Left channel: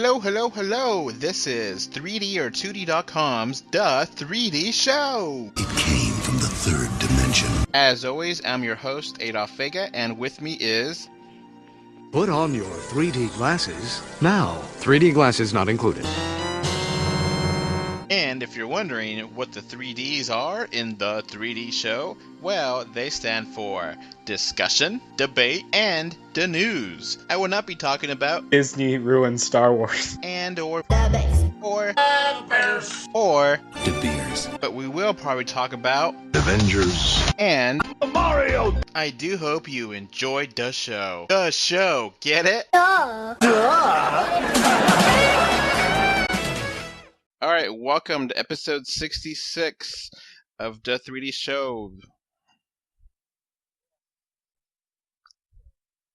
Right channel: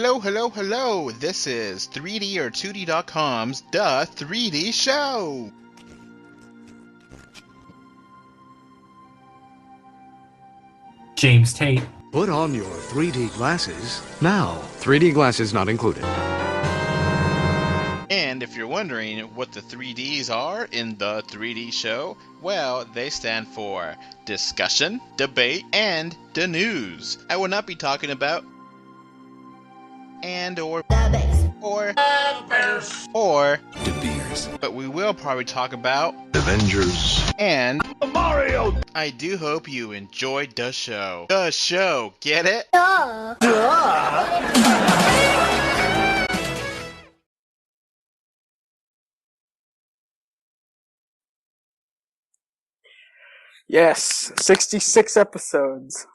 Hello, hello, hello! This is 3D or 2D.com's The 3D Show! It came from the third dimension. As always, I'm your host, Adolf Vega, and with me is... James Tate. Put on your 3D glasses now. 3D glasses not included. And if you're wondering what the 3Ds are in The 3D Show, well, they stand for discussion, debate, and the news. I will not be talking about Disney ruined Star Wars. and or The Bears. or Bears or De Beers. but we will probably talk about Avengers. and Mario! I do hope you enjoyed the show. The show, get it? Alright, welcome to episode 66 of the 3D Show. Yes, 66 episodes.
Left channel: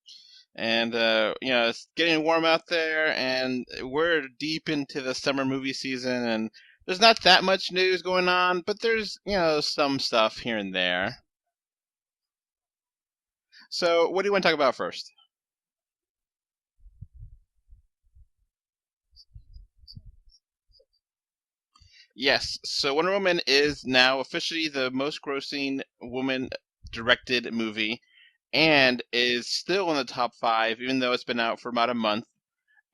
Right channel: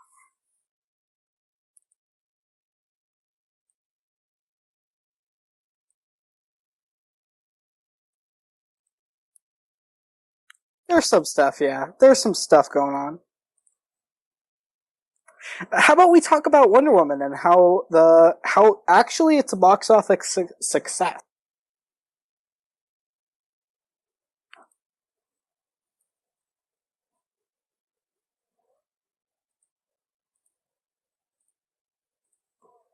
And, it's getting warm out there, and we're deep into the summer movie season, and there's not that much news going on, but there's, some stuff here and there. There's some stuff, yeah. There's some stuff going on. So, what do you want to talk about first? How about we talk about Wonder Woman and how actually it's a box office success. Yes, so Wonder Woman is now officially the most grossing woman-directed movie, and is still in the top 5, even though it's been out for about a month.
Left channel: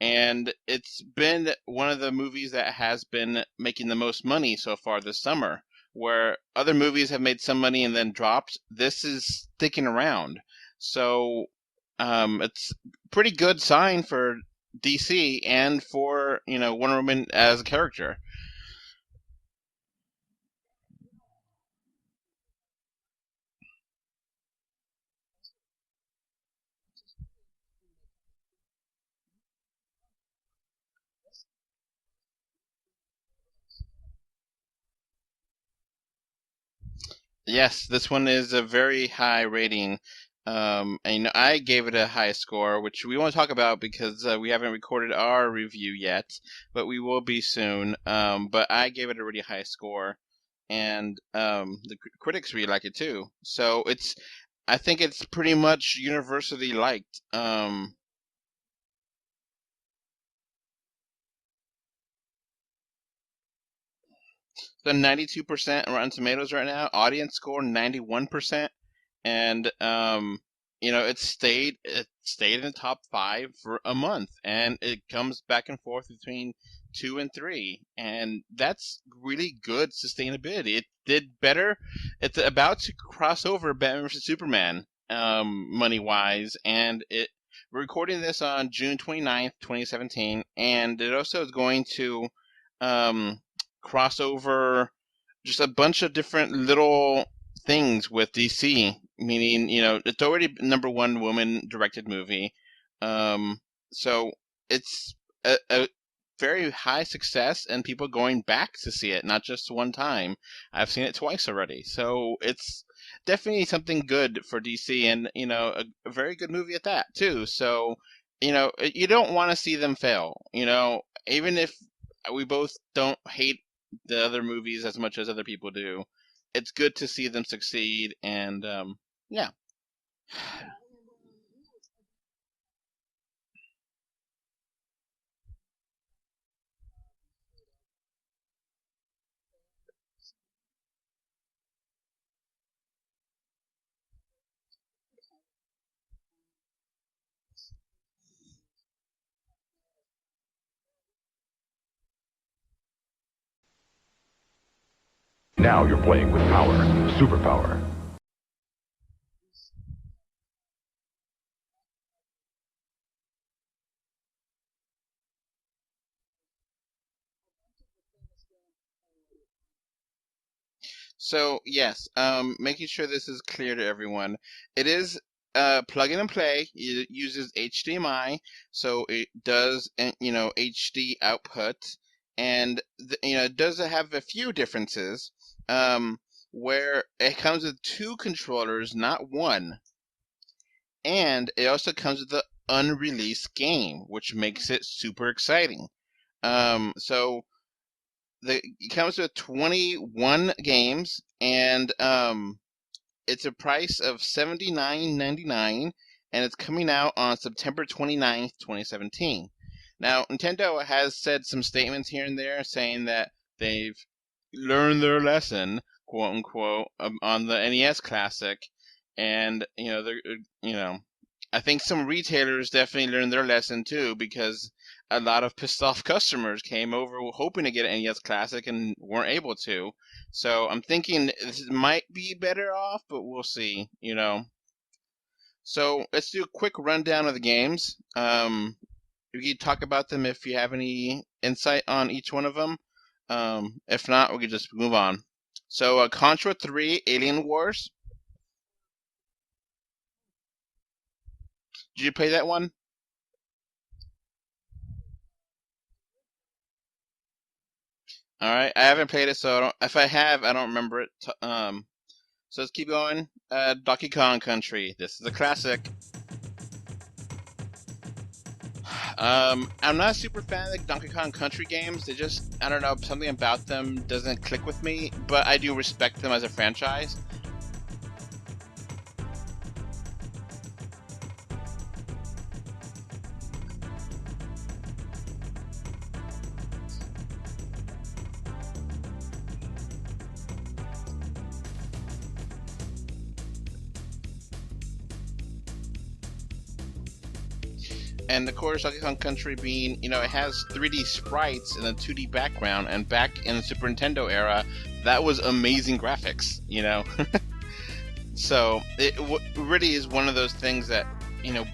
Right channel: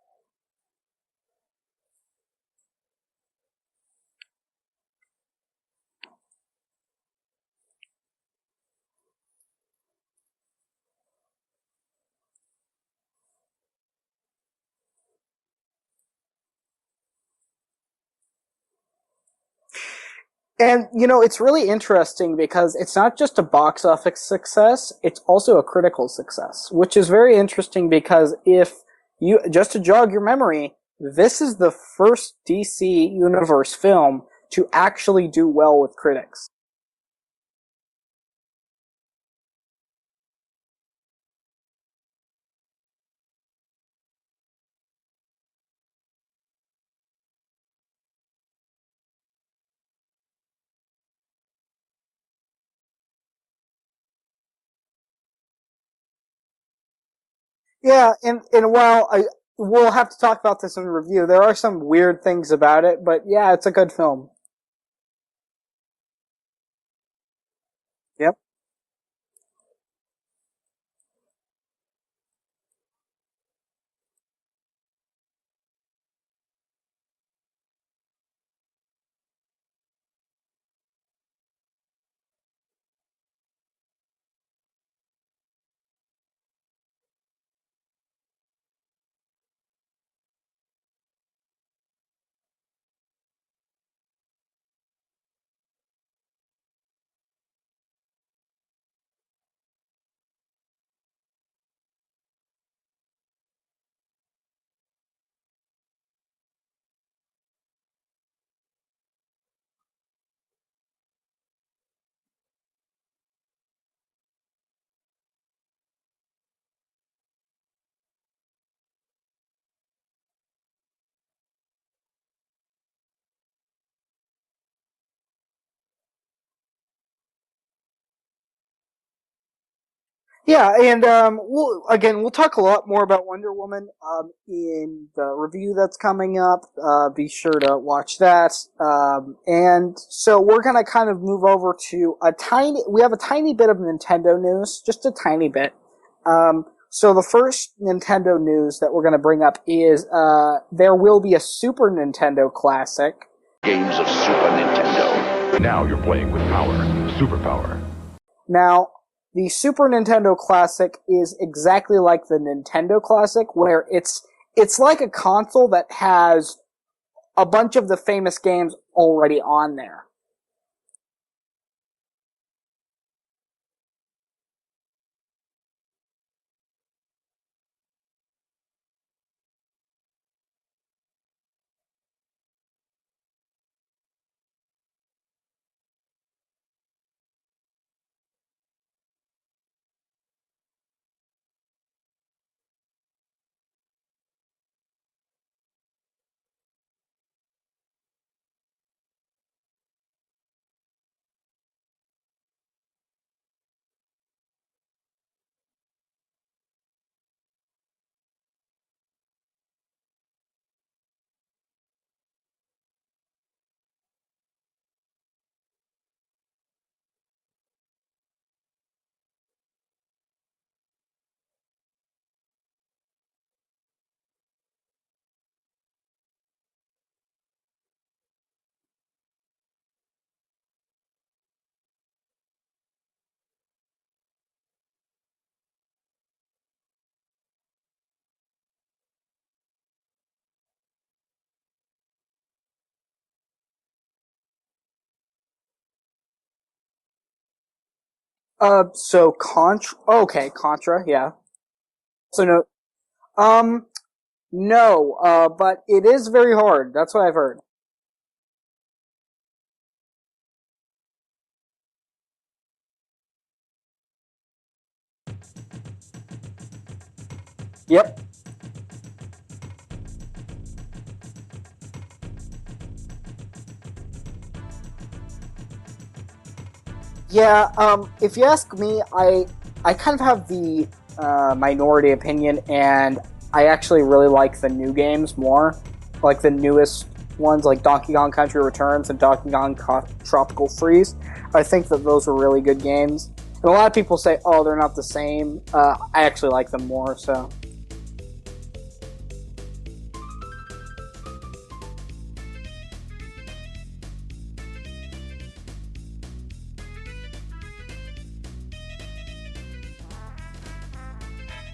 And it's been one of the movies that has been making the most money so far this summer, where other movies have made some money and then dropped. This is sticking around. So it's a pretty good sign for DC and for, Wonder Woman as a character. And, it's really interesting because it's not just a box office success, it's also a critical success, which is very interesting because just to jog your memory, this is the first DC Universe film to actually do well with critics. Yes, this one is a very high rating. And I gave it a high score, which we won't talk about because we haven't recorded our review yet, but we will be soon. But I gave it a really high score, and the critics really like it too. So I think it's pretty much universally liked. Yeah, and while we'll have to talk about this in the review, there are some weird things about it, but yeah, it's a good film. So 92% Rotten Tomatoes right now, audience score 91%. Yep. And it stayed in the top 5 for a month, and it comes back and forth between 2 and 3, and that's really good sustainability. It did better. It's about to cross over Batman vs Superman money wise, and we're recording this on June 29th, 2017, and it also is going to cross over just a bunch of different little things with DC, meaning, it's already number 1 woman-directed movie. So it's a very high success, and people going back to see it, not just one time. I've seen it twice already. So it's definitely something good for DC, and, a very good movie at that, too. So, you don't want to see them fail. Even if we both don't hate the other movies as much as other people do, it's good to see them succeed, and yeah. Yeah, and we'll talk a lot more about Wonder Woman in the review that's coming up. Be sure to watch that. And so we're gonna kind of move over to we have a tiny bit of Nintendo news, just a tiny bit. So the first Nintendo news that we're gonna bring up is there will be a Super Nintendo Classic. Games of Super Nintendo. Now you're playing with power, superpower. Now, the Super Nintendo Classic is exactly like the Nintendo Classic, where it's like a console that has a bunch of the famous games already on there. So, yes, making sure this is clear to everyone. It is plug in and play. It uses HDMI, so it does, HD output. And, it does have a few differences, where it comes with 2 controllers, not 1. And it also comes with the unreleased game, which makes it super exciting. So it comes with 21 games, and it's a price of $79.99, and it's coming out on September 29th, 2017. Now, Nintendo has said some statements here and there saying that they've learned their lesson, quote unquote, on the NES Classic, and I think some retailers definitely learned their lesson too, because a lot of pissed off customers came over hoping to get an NES Classic and weren't able to. So I'm thinking this might be better off, but we'll see. So let's do a quick rundown of the games. We can talk about them if you have any insight on each one of them. If not, we can just move on. So, Contra 3 Alien Wars. So Contra. Okay, Contra. Yeah. Did you play So that one? No. But it is very hard. That's what I've heard. All right, I haven't played it, so if I have, I don't remember it. So let's keep going. Donkey Kong Country. This is a classic. Yep. I'm not a super fan of the Donkey Kong Country games. They just, I don't know, something about them doesn't click with me, but I do respect them as a franchise. Yeah, if you ask me, I kind of have the minority opinion, and I actually really like the new games more. Like the newest ones, like Donkey Kong Country Returns and Donkey Kong Tropical Freeze. I think that those are really good games. And a lot of people say, oh, they're not the same. I actually like them more, so... And of course, Donkey Kong Country being, it has 3D sprites and a 2D background, and back in the Super Nintendo era, that was amazing graphics, So, it really is one of those things that,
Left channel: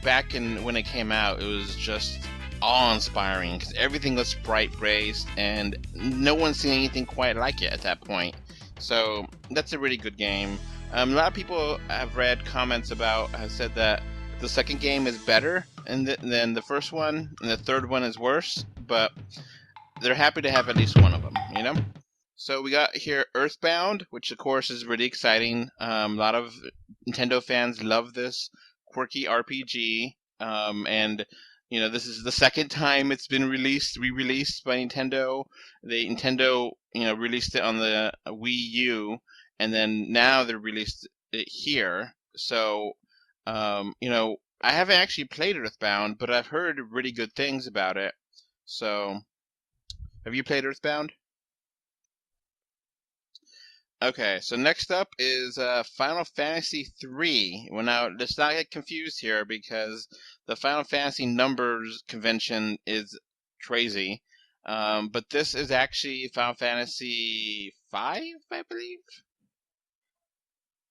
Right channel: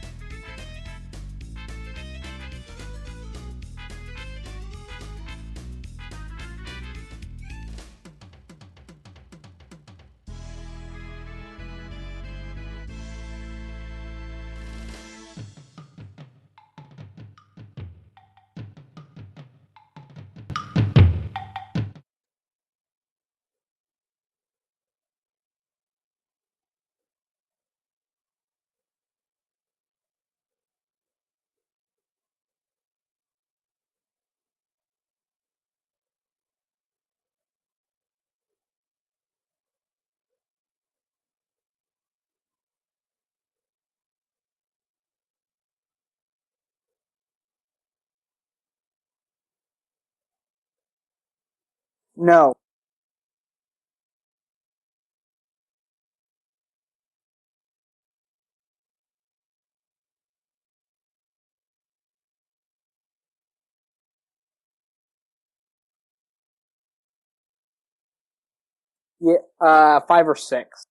back when it came out, it was just awe-inspiring, because everything was sprite based, and no one's seen anything quite like it at that point. So, that's a really good game. A lot of people have read comments have said that the second game is better than the first one, and the third one is worse, but they're happy to have at least one of them, So we got here Earthbound, which of course is really exciting. A lot of Nintendo fans love this quirky RPG, and this is the second time it's been re-released by Nintendo. Nintendo released it on the Wii U, and then now they released it here. So I haven't actually played Earthbound, but I've heard really good things about it. So, have you played Earthbound? No. Okay, so next up is Final Fantasy III. Well, now, let's not get confused here, because the Final Fantasy numbers convention is crazy. But this is actually Final Fantasy V, I believe? Yeah, 5 or 6.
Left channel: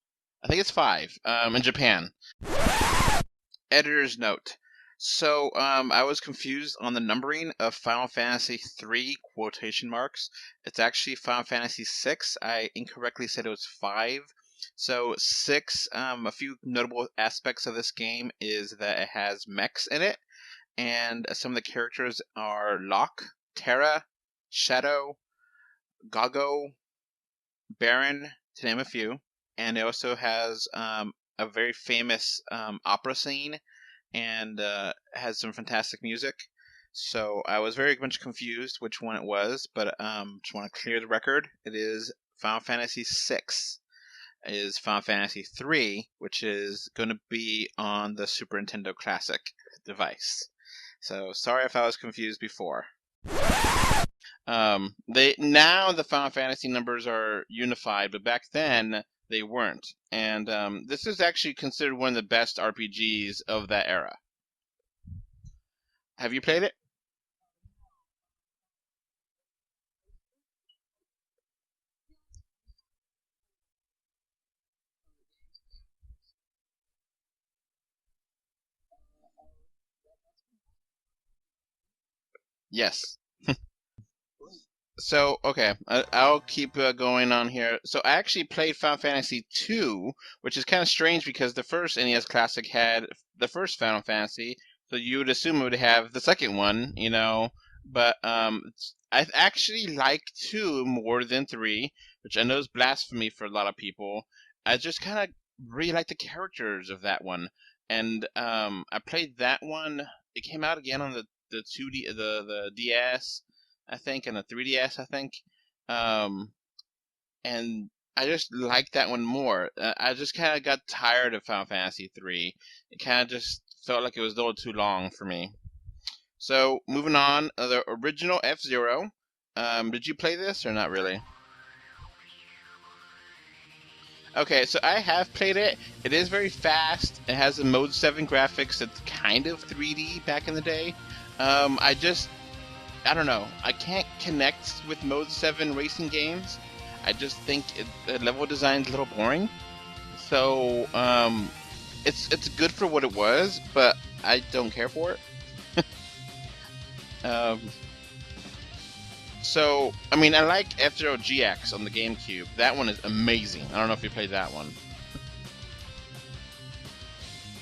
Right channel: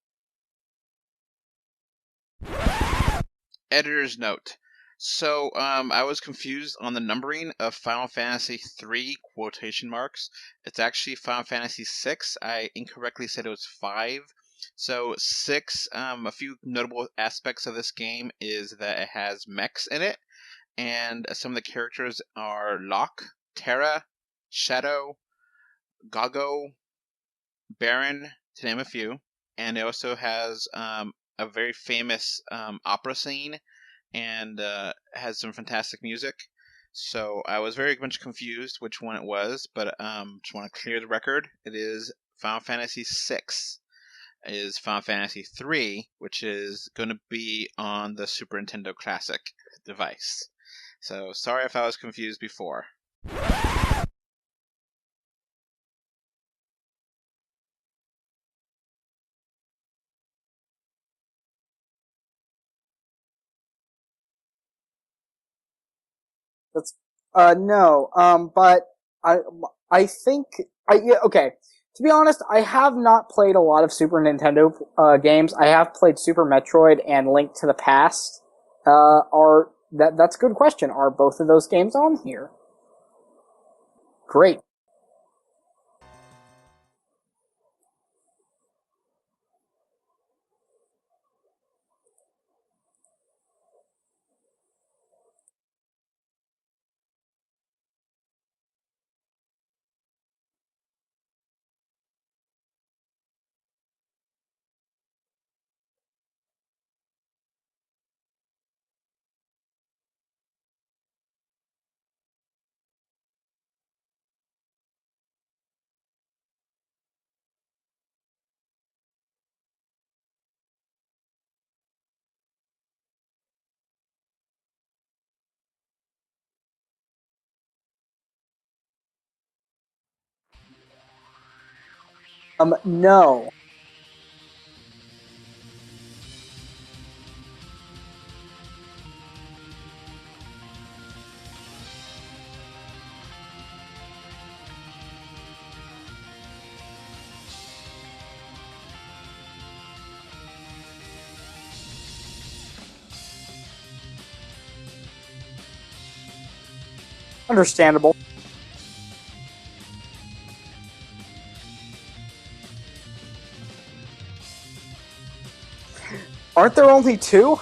I think it's 5, in Japan. Editor's note. So, I was confused on the numbering of Final Fantasy III quotation marks. It's actually Final Fantasy VI. I incorrectly said it was 5. So 6, a few notable aspects of this game is that it has mechs in it, and some of the characters are Locke, Terra, Shadow, Gago, Baron, to name a few. And it also has a very famous opera scene, and has some fantastic music. So I was very much confused which one it was, but just want to clear the record. It is Final Fantasy VI. It is Final Fantasy III, which is going to be on the Super Nintendo Classic device. So sorry if I was confused before. Now the Final Fantasy numbers are unified, but back then they weren't. And this is actually considered one of the best RPGs of that era. Have you played it? No. But I think yeah, okay. To be honest, I have not played a lot of Super Nintendo games. I have played Super Metroid and Link to the Past. That's a good question. Are both of those games on here? Yes. Great. So, okay, I'll keep going on here. So I actually played Final Fantasy II, which is kind of strange because the first NES Classic had the first Final Fantasy, so you would assume it would have the second one, But I actually like 2 more than 3, which I know is blasphemy for a lot of people. I just kind of really like the characters of that one, and I played that one. It came out again on the 2D the DS. I think, and a 3DS, I think. And I just like that one more. I just kind of got tired of Final Fantasy 3. It kind of just felt like it was a little too long for me. So moving on, the original F-Zero. Did you play this or not really? No. Okay, so I have played it. It is very fast. It has a Mode 7 graphics that's kind of 3D back in the day. I don't know. I can't connect with Mode 7 racing games. I just think the level design's a little boring. So, it's good for what it was, but I don't care for it. Understandable. So, I mean, I like F-Zero GX on the GameCube. That one is amazing. I don't know if you played that one. Aren't there only two?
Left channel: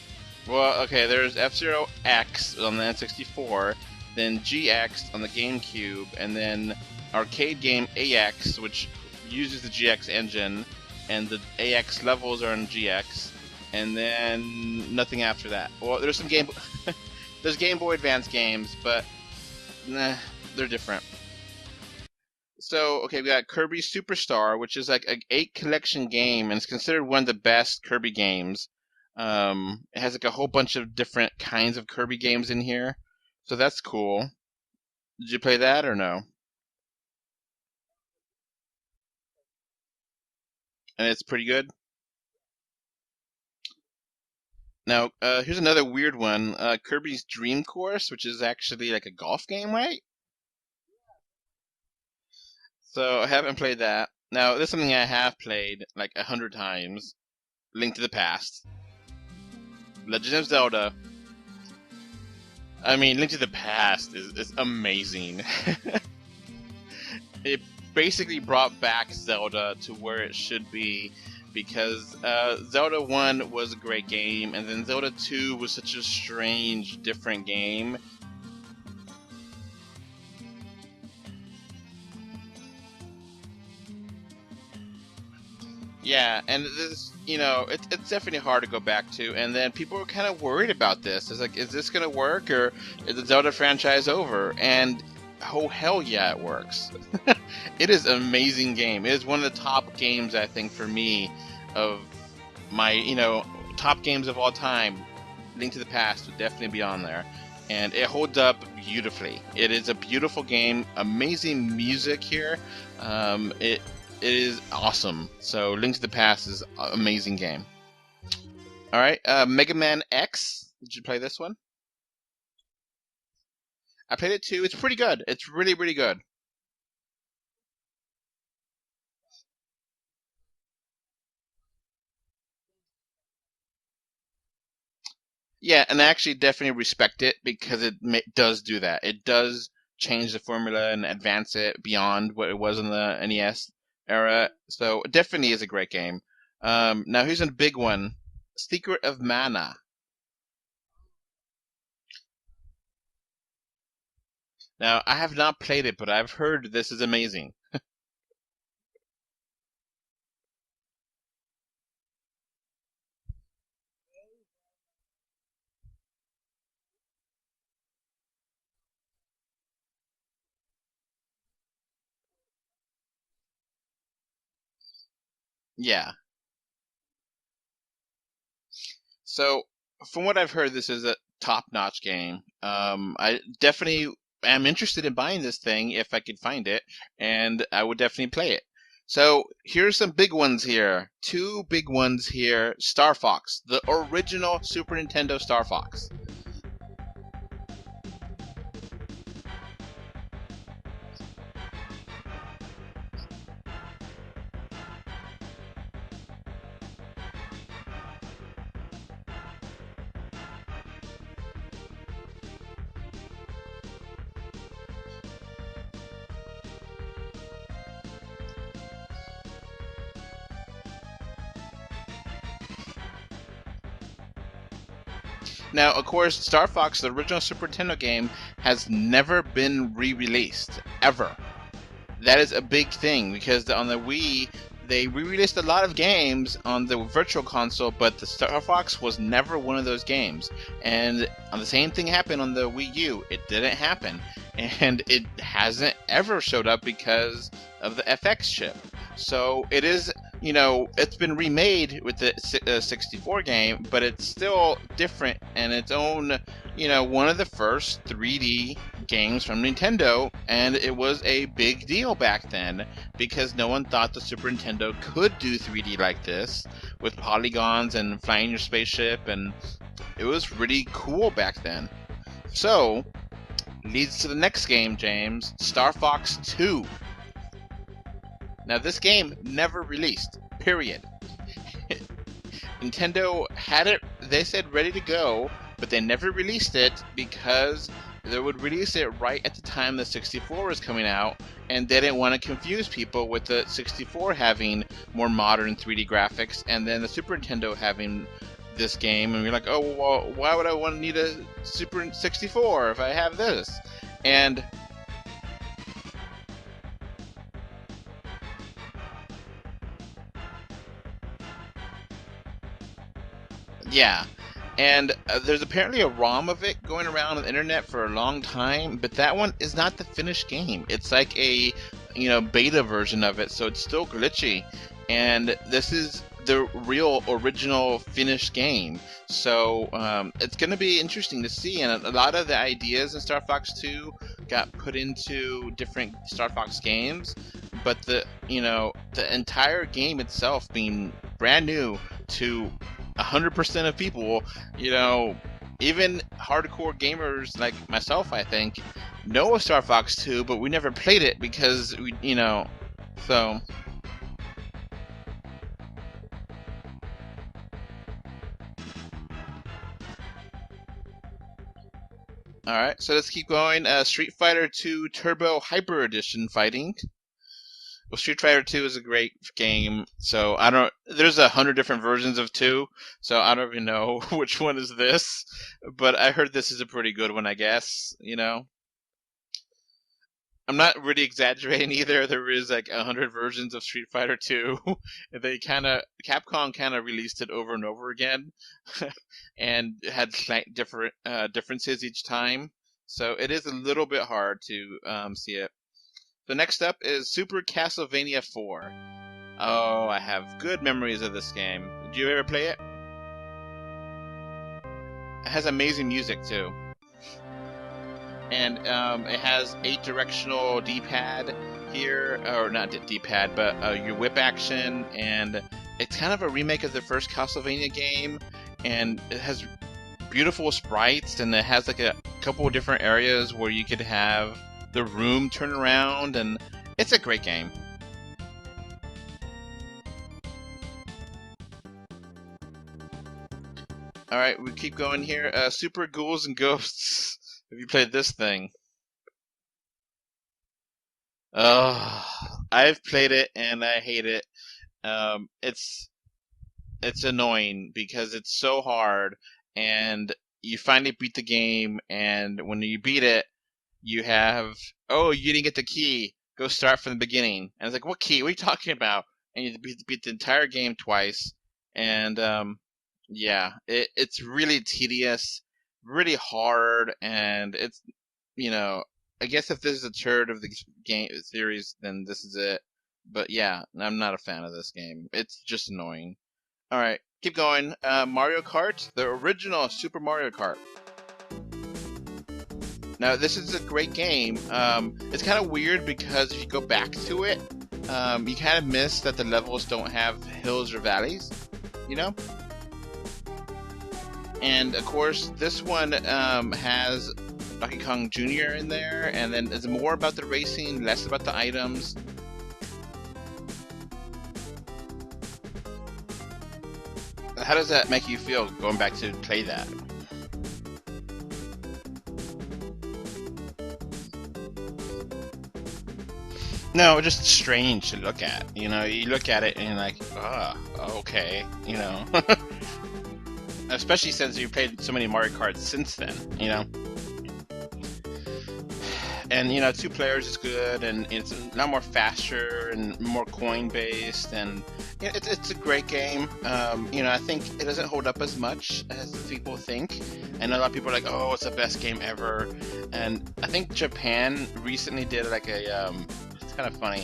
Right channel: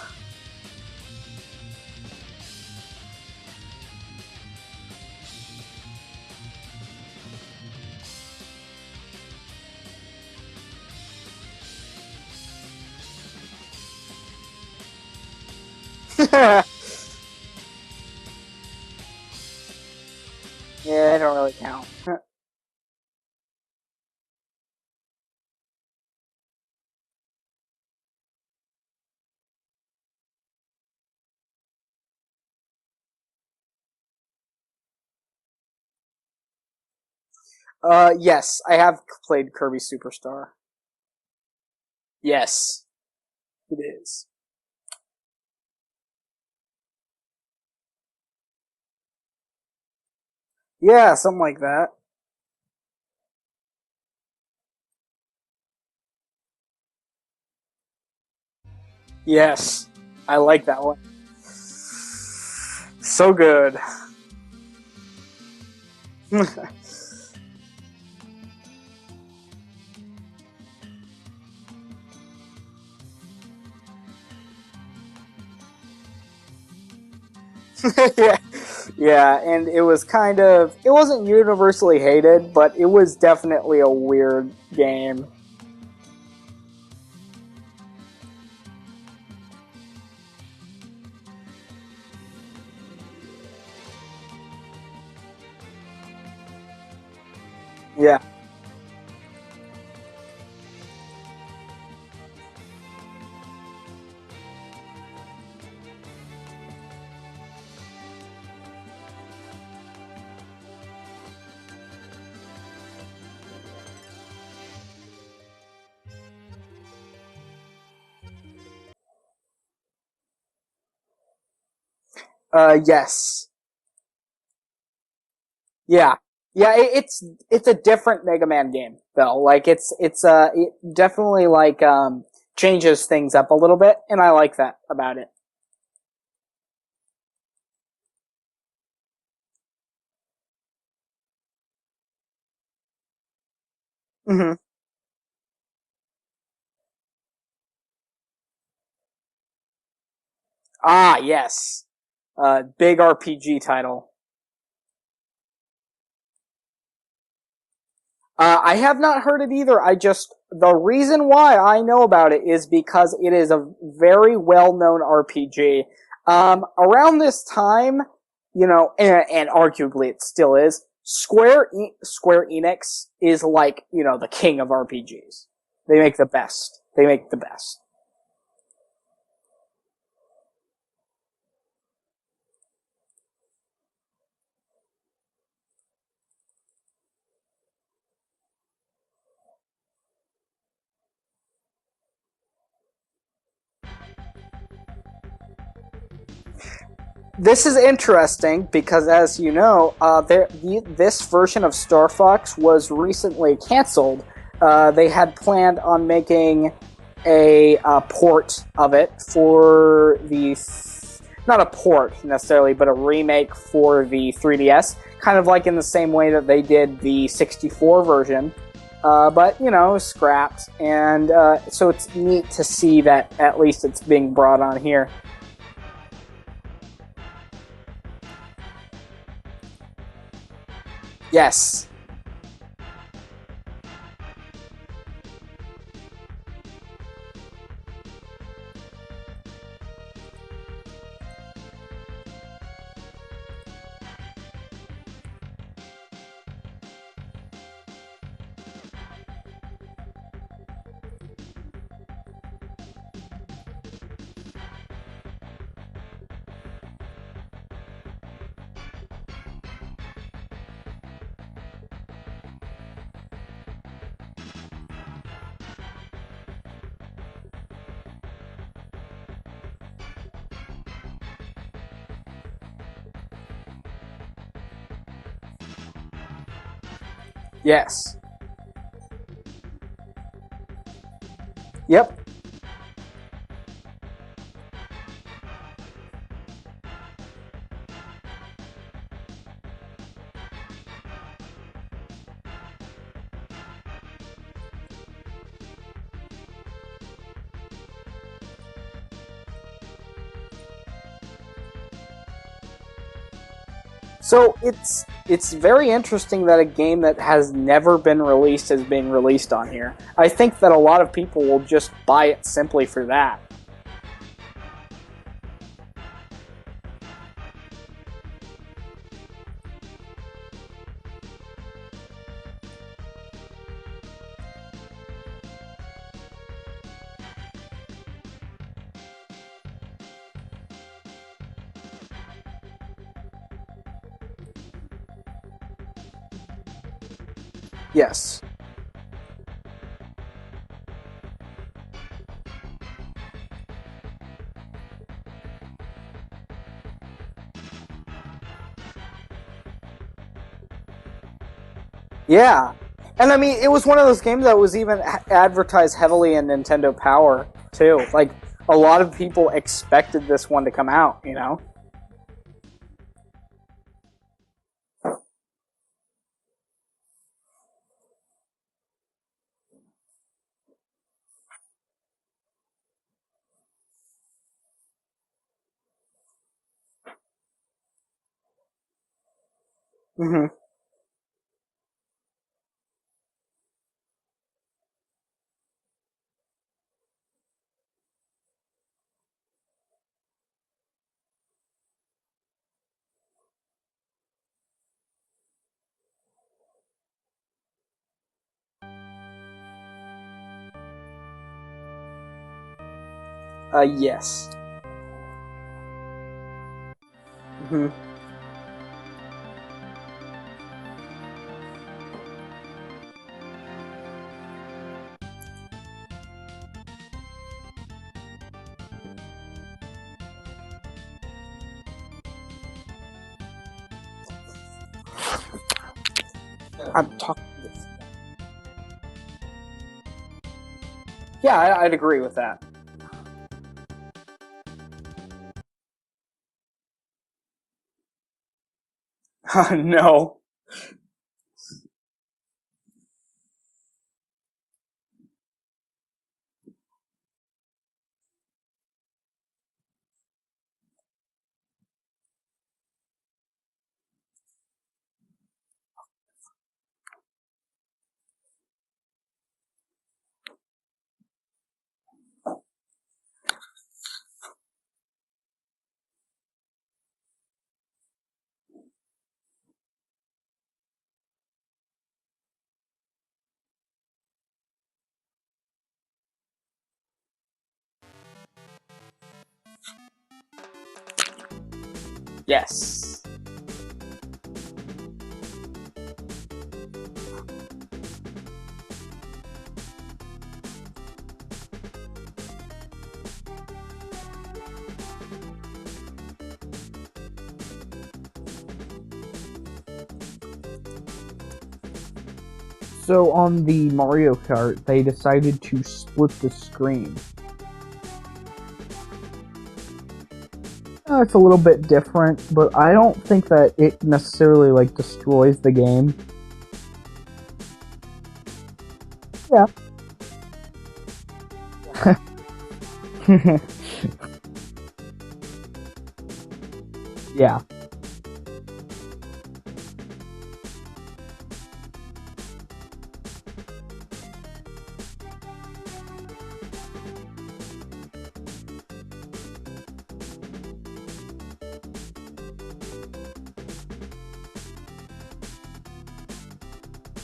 Well, okay, there's F-Zero X on the N64, then GX on the GameCube, and then arcade game AX, which uses the GX engine, and the AX levels are in GX, and then nothing after that. Well, there's Game Boy Advance games, but nah, they're different. Yeah, they don't really count. So, okay, we got Kirby Superstar, which is like an 8 collection game, and it's considered one of the best Kirby games. It has like a whole bunch of different kinds of Kirby games in here, so that's cool. Did you play that or no? Yes, I have played Kirby Superstar. And it's pretty good? Yes, it is. Now, here's another weird one. Kirby's Dream Course, which is actually like a golf game, right? Yeah, something like that. So, I haven't played that. Now, this is something I have played like 100 times. Link to the Past. Yes, Legend I of like Zelda. that one. I mean, So Link to good. the Past is amazing. It basically brought back Zelda to where it should be, because Zelda 1 was a great game, and then Zelda 2 was such a strange, different game. Yeah, and it was it wasn't universally hated, but it was definitely a weird game. Yeah, and this, it's definitely hard to go back to, and then people were kind of worried about this. It's like, is this going to work, or is the Zelda franchise over? And oh, hell yeah, it works. It is an amazing game. It is one of the top games, I think, for me, of my, top games of all time. Link to the Past would definitely be on there. And it holds up beautifully. It is a beautiful game. Amazing music here. It is awesome. So Link to the Past is an amazing game. All right, Mega Man X. Did you play this one? Yes. I played it too. It's pretty good. It's really, really Yeah. good. Yeah, it's a different Mega Man game though. Like it definitely changes things up a little bit, and I like that about it. Yeah, and I actually definitely respect it because it does do that. It does change the formula and advance it beyond what it was in the NES era. Mm-hmm. So it definitely is a great game. Now here's a big one: Secret of Mana. Ah, yes. Big RPG title. Now I have not played it, but I've heard this is amazing. I have not heard it either. The reason why I know about it is because it is a very well-known RPG. Around this time, and arguably it still is, Square Enix is like, the king of RPGs. Yeah. They make the best. So, from what I've heard, this is a top-notch game. I definitely am interested in buying this thing if I could find it, and I would definitely play it. So here's some big ones here. 2 big ones here. Star Fox, the original Super Nintendo Star Fox. This is interesting because, as you know, this version of Star Fox was recently canceled. They had planned on making a port of it for not a port necessarily, but a remake for the 3DS, kind of like in the same way that they did the 64 version, but, scrapped, and so it's neat to see that at least it's being brought on here. Now, of course, Star Fox, the original Super Nintendo game, has never been re-released, ever. Yes. That is a big thing, because on the Wii, they re-released a lot of games on the Virtual Console, but the Star Fox was never one of those games. And the same thing happened on the Wii U. It didn't happen. And it hasn't ever showed up because of the FX chip. So it is, it's been remade with the 64 game, but it's still different and its own one of the first 3D games from Nintendo, and it was a big deal back then because no one thought the Super Nintendo could do 3D like this with polygons and flying your spaceship, and it was really cool back then. So, leads to the next game, James, Star Fox 2. Yes. Now, this game never released, period. Yep. Nintendo had it, they said, ready to go, but they never released it because they would release it right at the time the 64 was coming out, and they didn't want to confuse people with the 64 having more modern 3D graphics, and then the Super Nintendo having this game, and we're like, oh, well, why would I want to need a Super 64 if I have this? So it's very interesting that a game that has never been released is being released on here. I think that a lot of people will just buy it simply for that. Yeah, and there's apparently a ROM of it going around on the internet for a long time, but that one is not the finished game. It's like a beta version of it, so it's still glitchy. And this is the real original finished game. So it's going to be interesting to see, and a lot of the ideas in Star Fox 2 got put into different Star Fox games, but yes. the entire game itself being brand new to 100% of people, even hardcore gamers like myself, I think, know of Star Fox 2, but we never played it because we know. And I mean, it was one of those games that was even advertised heavily in Nintendo Power, too. Like, a lot of people expected this one to come out, Alright, so let's keep going. Street Fighter 2 Turbo Hyper Edition fighting. Well, Street Fighter 2 is a great game, so there's 100 different versions of 2, so I don't even know which one is this, but I heard this is a pretty good one, I guess, Mm-hmm. I'm not really exaggerating either. There is like 100 versions of Street Fighter 2. Capcom kind of released it over and over again, and had slight differences each time. So it is a little bit hard to see it. So next up is Super Castlevania 4. Oh, I have good memories of this game. Did you ever play it? Yes. It has amazing music too. Mm-hmm. And it has 8-directional D-pad here, or not D-pad, but your whip action, and it's kind of a remake of the first Castlevania game, and it has beautiful sprites, and it has like a couple of different areas where you could have the room turn around, and it's a great game. Yeah, I'd agree with that. Alright, we keep going here. Super Ghouls and Ghosts. Have you played this thing? No. I've played it and I hate it. It's annoying because it's so hard, and you finally beat the game, and when you beat it, you have, you didn't get the key. Go start from the beginning. And it's like, what key? What are you talking about? And you beat the entire game twice, and it's really tedious. Really hard, and it's I guess if this is a third of the game series, then this is it. But yeah, I'm not a fan of this game. It's just annoying. Alright, keep going. Mario Kart, the original Super Mario Kart. Yes. Now this is a great game. It's kind of weird because if you go back to it, you kind of miss that the levels don't have hills or valleys, And of course, this one has Donkey Kong Jr. in there, and then it's more about the racing, less about the items. So on the Mario Kart, they decided to split the screen. How does that make you feel going back to play that? It's a little bit different, but I don't think that it necessarily destroys the game. No, it's just strange to look at. You look at it and you're like, okay, Especially since you've played so many Mario Karts since then, Yeah. And 2 players is good, and it's a lot more faster and more coin based, and it's a great game. I think it doesn't hold up as much as people think, and a lot of people are like, oh, it's the best game ever. And I think Japan recently did like it's kind of funny,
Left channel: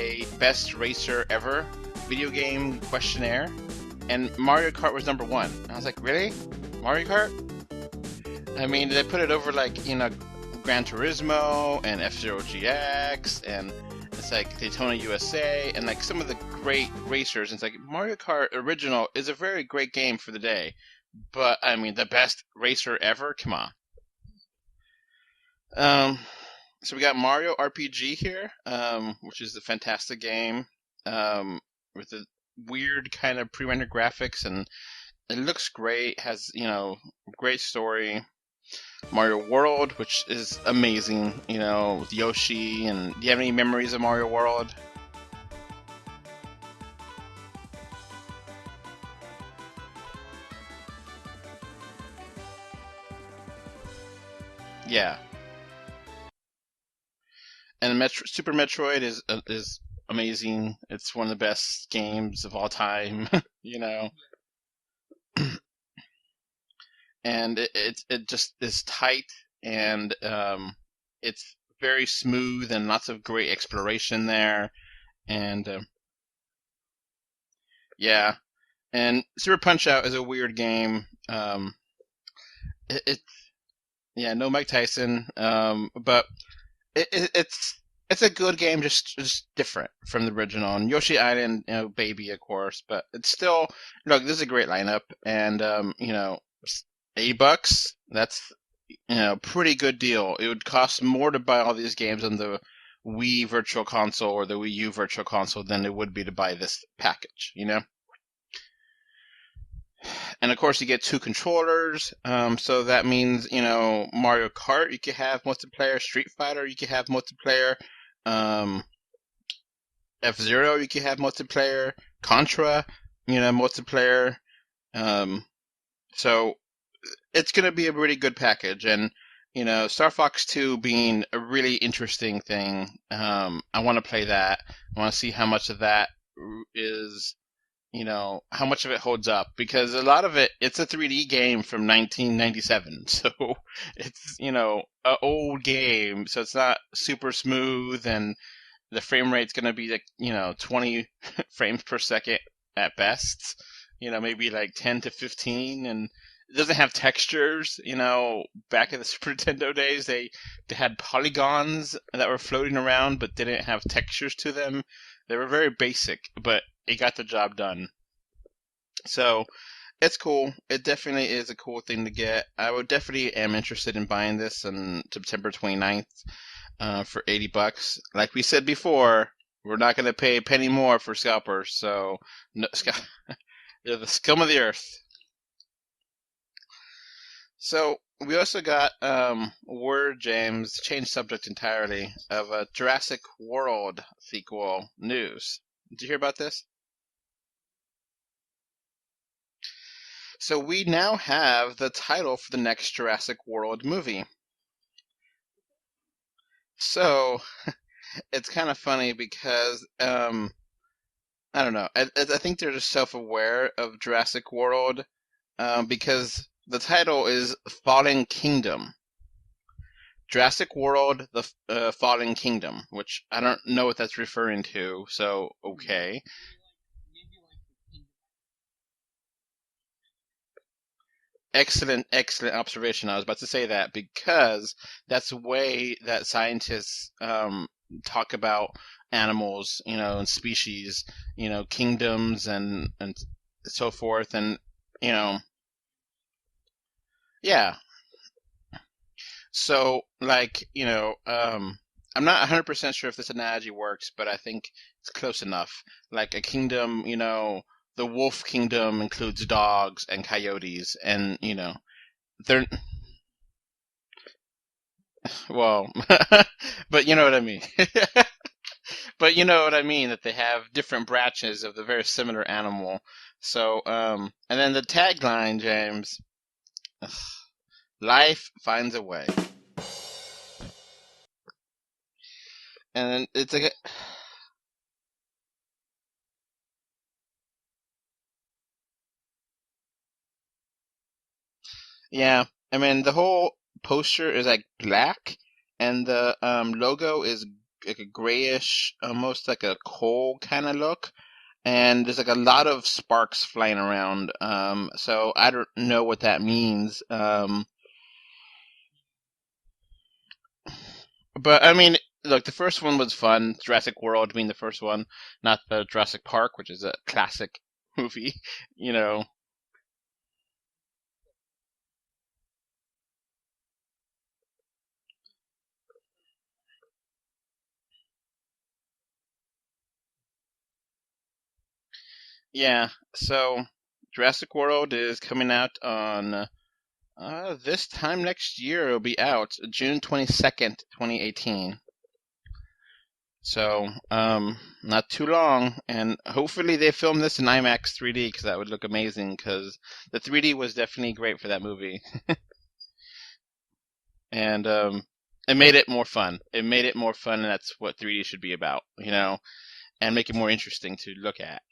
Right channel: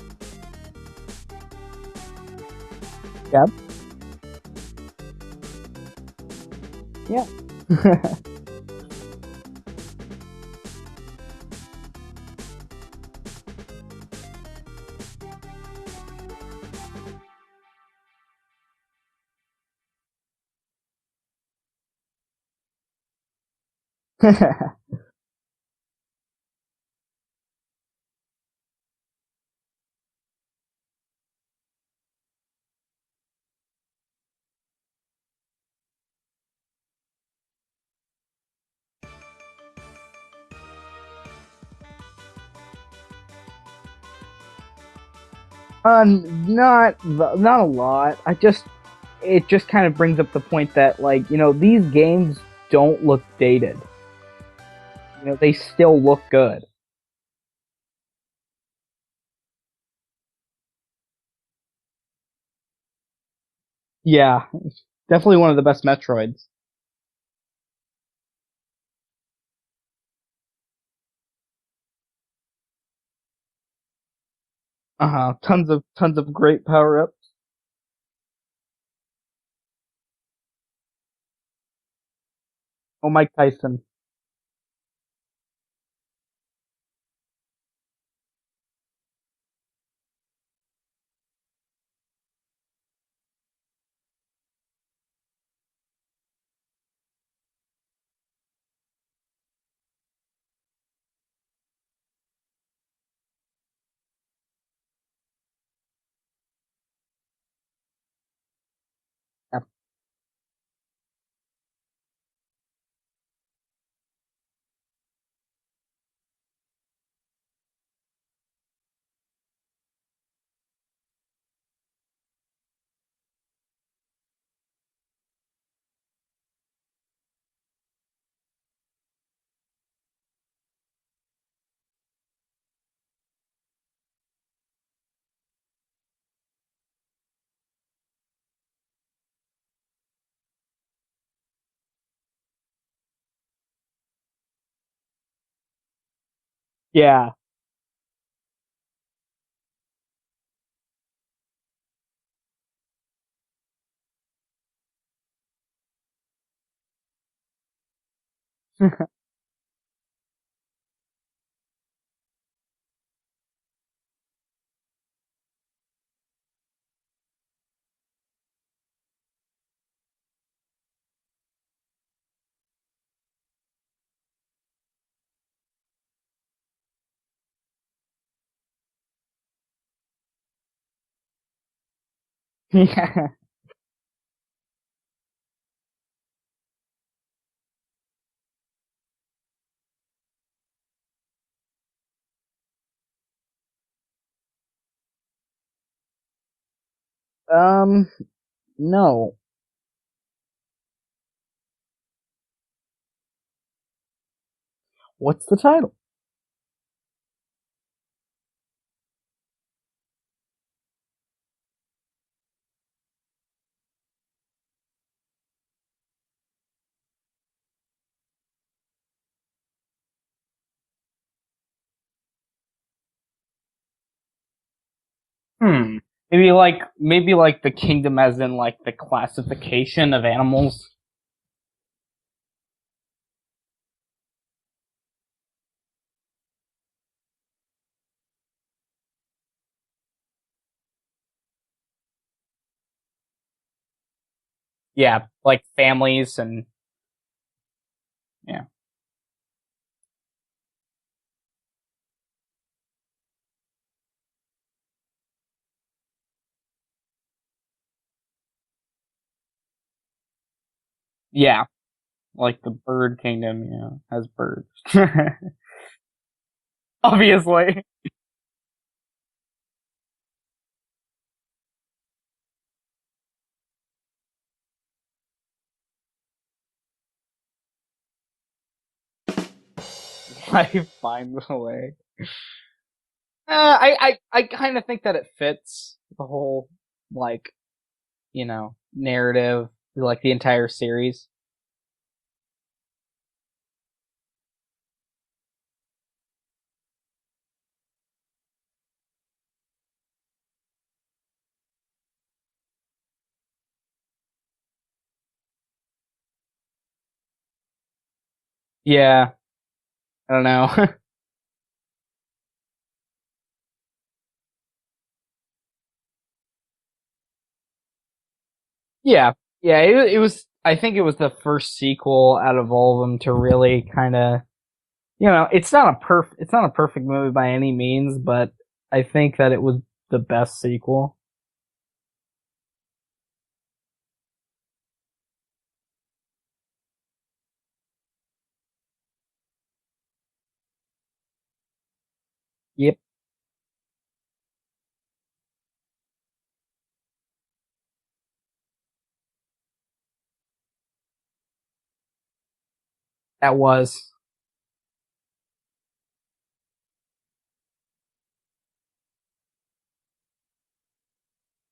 a best racer ever video game questionnaire. Yep. And Mario Kart was number 1. I was like, really? Mario Kart? I mean, they put it over like, Gran Turismo and F-Zero GX, and it's like Daytona USA, and like some of the great racers. And it's like Mario Kart Original is a very great game for the day, but I mean, the best racer ever? Come on. So we got Mario RPG here, which is a fantastic game, with a weird kind of pre-rendered graphics, and it looks great. Has great story. Mario World, which is amazing, with Yoshi. And do you have any memories of Mario World? Not a lot. It just kind of brings up the point that these games don't look dated. Yeah. They still look good. And Super Metroid is amazing. It's one of the best games of all time. Yeah, definitely one of the best Metroids. And it just is tight, and it's very smooth, and lots of great exploration there. Tons of great power ups. Yeah, and Super Punch Out is a weird game. Mike Tyson. Yeah, no Mike Tyson. But it's a good game, just different from the original. And Yoshi Island, baby, of course, but it's still look. This is a great lineup, and $80. That's pretty good deal. It would cost more to buy all these games on the Wii Virtual Console or the Wii U Virtual Console than it would be to buy this package. Yep. And of course, you get 2 controllers. So that means Mario Kart, you can have multiplayer. Street Fighter, you can have multiplayer. F-Zero, you can have multiplayer. Contra, multiplayer. So it's going to be a really good package. And, Star Fox 2 being a really interesting thing. I want to play that. I want to see how much of that is, how much of it holds up. Because a lot of it's a 3D game from 1997. So it's, an old game. So it's not super smooth. And the frame rate's going to be like, 20 frames per second at best. Maybe like 10 to 15. And it doesn't have textures, back in the Super Nintendo days, they had polygons that were floating around but didn't have textures to them. They were very basic, but it got the job done. So, it's cool. It definitely is a cool thing to get. I would definitely am interested in buying this on September 29th for $80. Like we said before, we're not going to pay a penny more for scalpers, so they're the scum of the earth. So we also got word, James, change subject entirely, of a Jurassic World sequel news. Did you hear about this? No. So we now have the title for the next Jurassic World movie. What's the title? So it's kind of funny because I don't know. I think they're just self-aware of Jurassic World because the title is Fallen Kingdom. Jurassic World, the Fallen Kingdom, which I don't know what that's referring to, so okay. Maybe like the kingdom as in like the classification of animals. Excellent observation. I was about to say that because that's the way that scientists talk about animals, and species, kingdoms and so forth, and like families and yeah. So like I'm not 100% sure if this analogy works, but I think it's close enough. Like a kingdom, the wolf kingdom includes dogs and coyotes, and like the bird kingdom, has birds. Well, but you obviously. know what I mean. But you know what I mean, that they have different branches of the very similar animal. So, and then the tagline, James, life finds a way. Life finds a way. And then it's I kind of think that it fits the whole, narrative, like the entire series. Yeah, I mean, the whole poster is like black, and the logo is like a grayish, almost like a coal kind of look. and there's like a lot of sparks flying around. So I don't know what that means. Yeah, I don't know. But I mean, look, the first one was fun. Jurassic World being the first one, not the Jurassic Park, which is a classic movie. You know. Yeah, yeah. It was. I think it was the first sequel out of all of them to really kind of, it's not a perfect movie by any means, but I think that it was the best sequel. Yeah. So Jurassic World is coming out on this time next year. It'll be out June 22nd, 2018. Yep. So, not too long, and hopefully they film this in IMAX 3D because that would look amazing. Because the 3D was definitely great for that movie, That was. and it made it more fun. It made it more fun, and that's what 3D should be about, and make it more interesting to look at,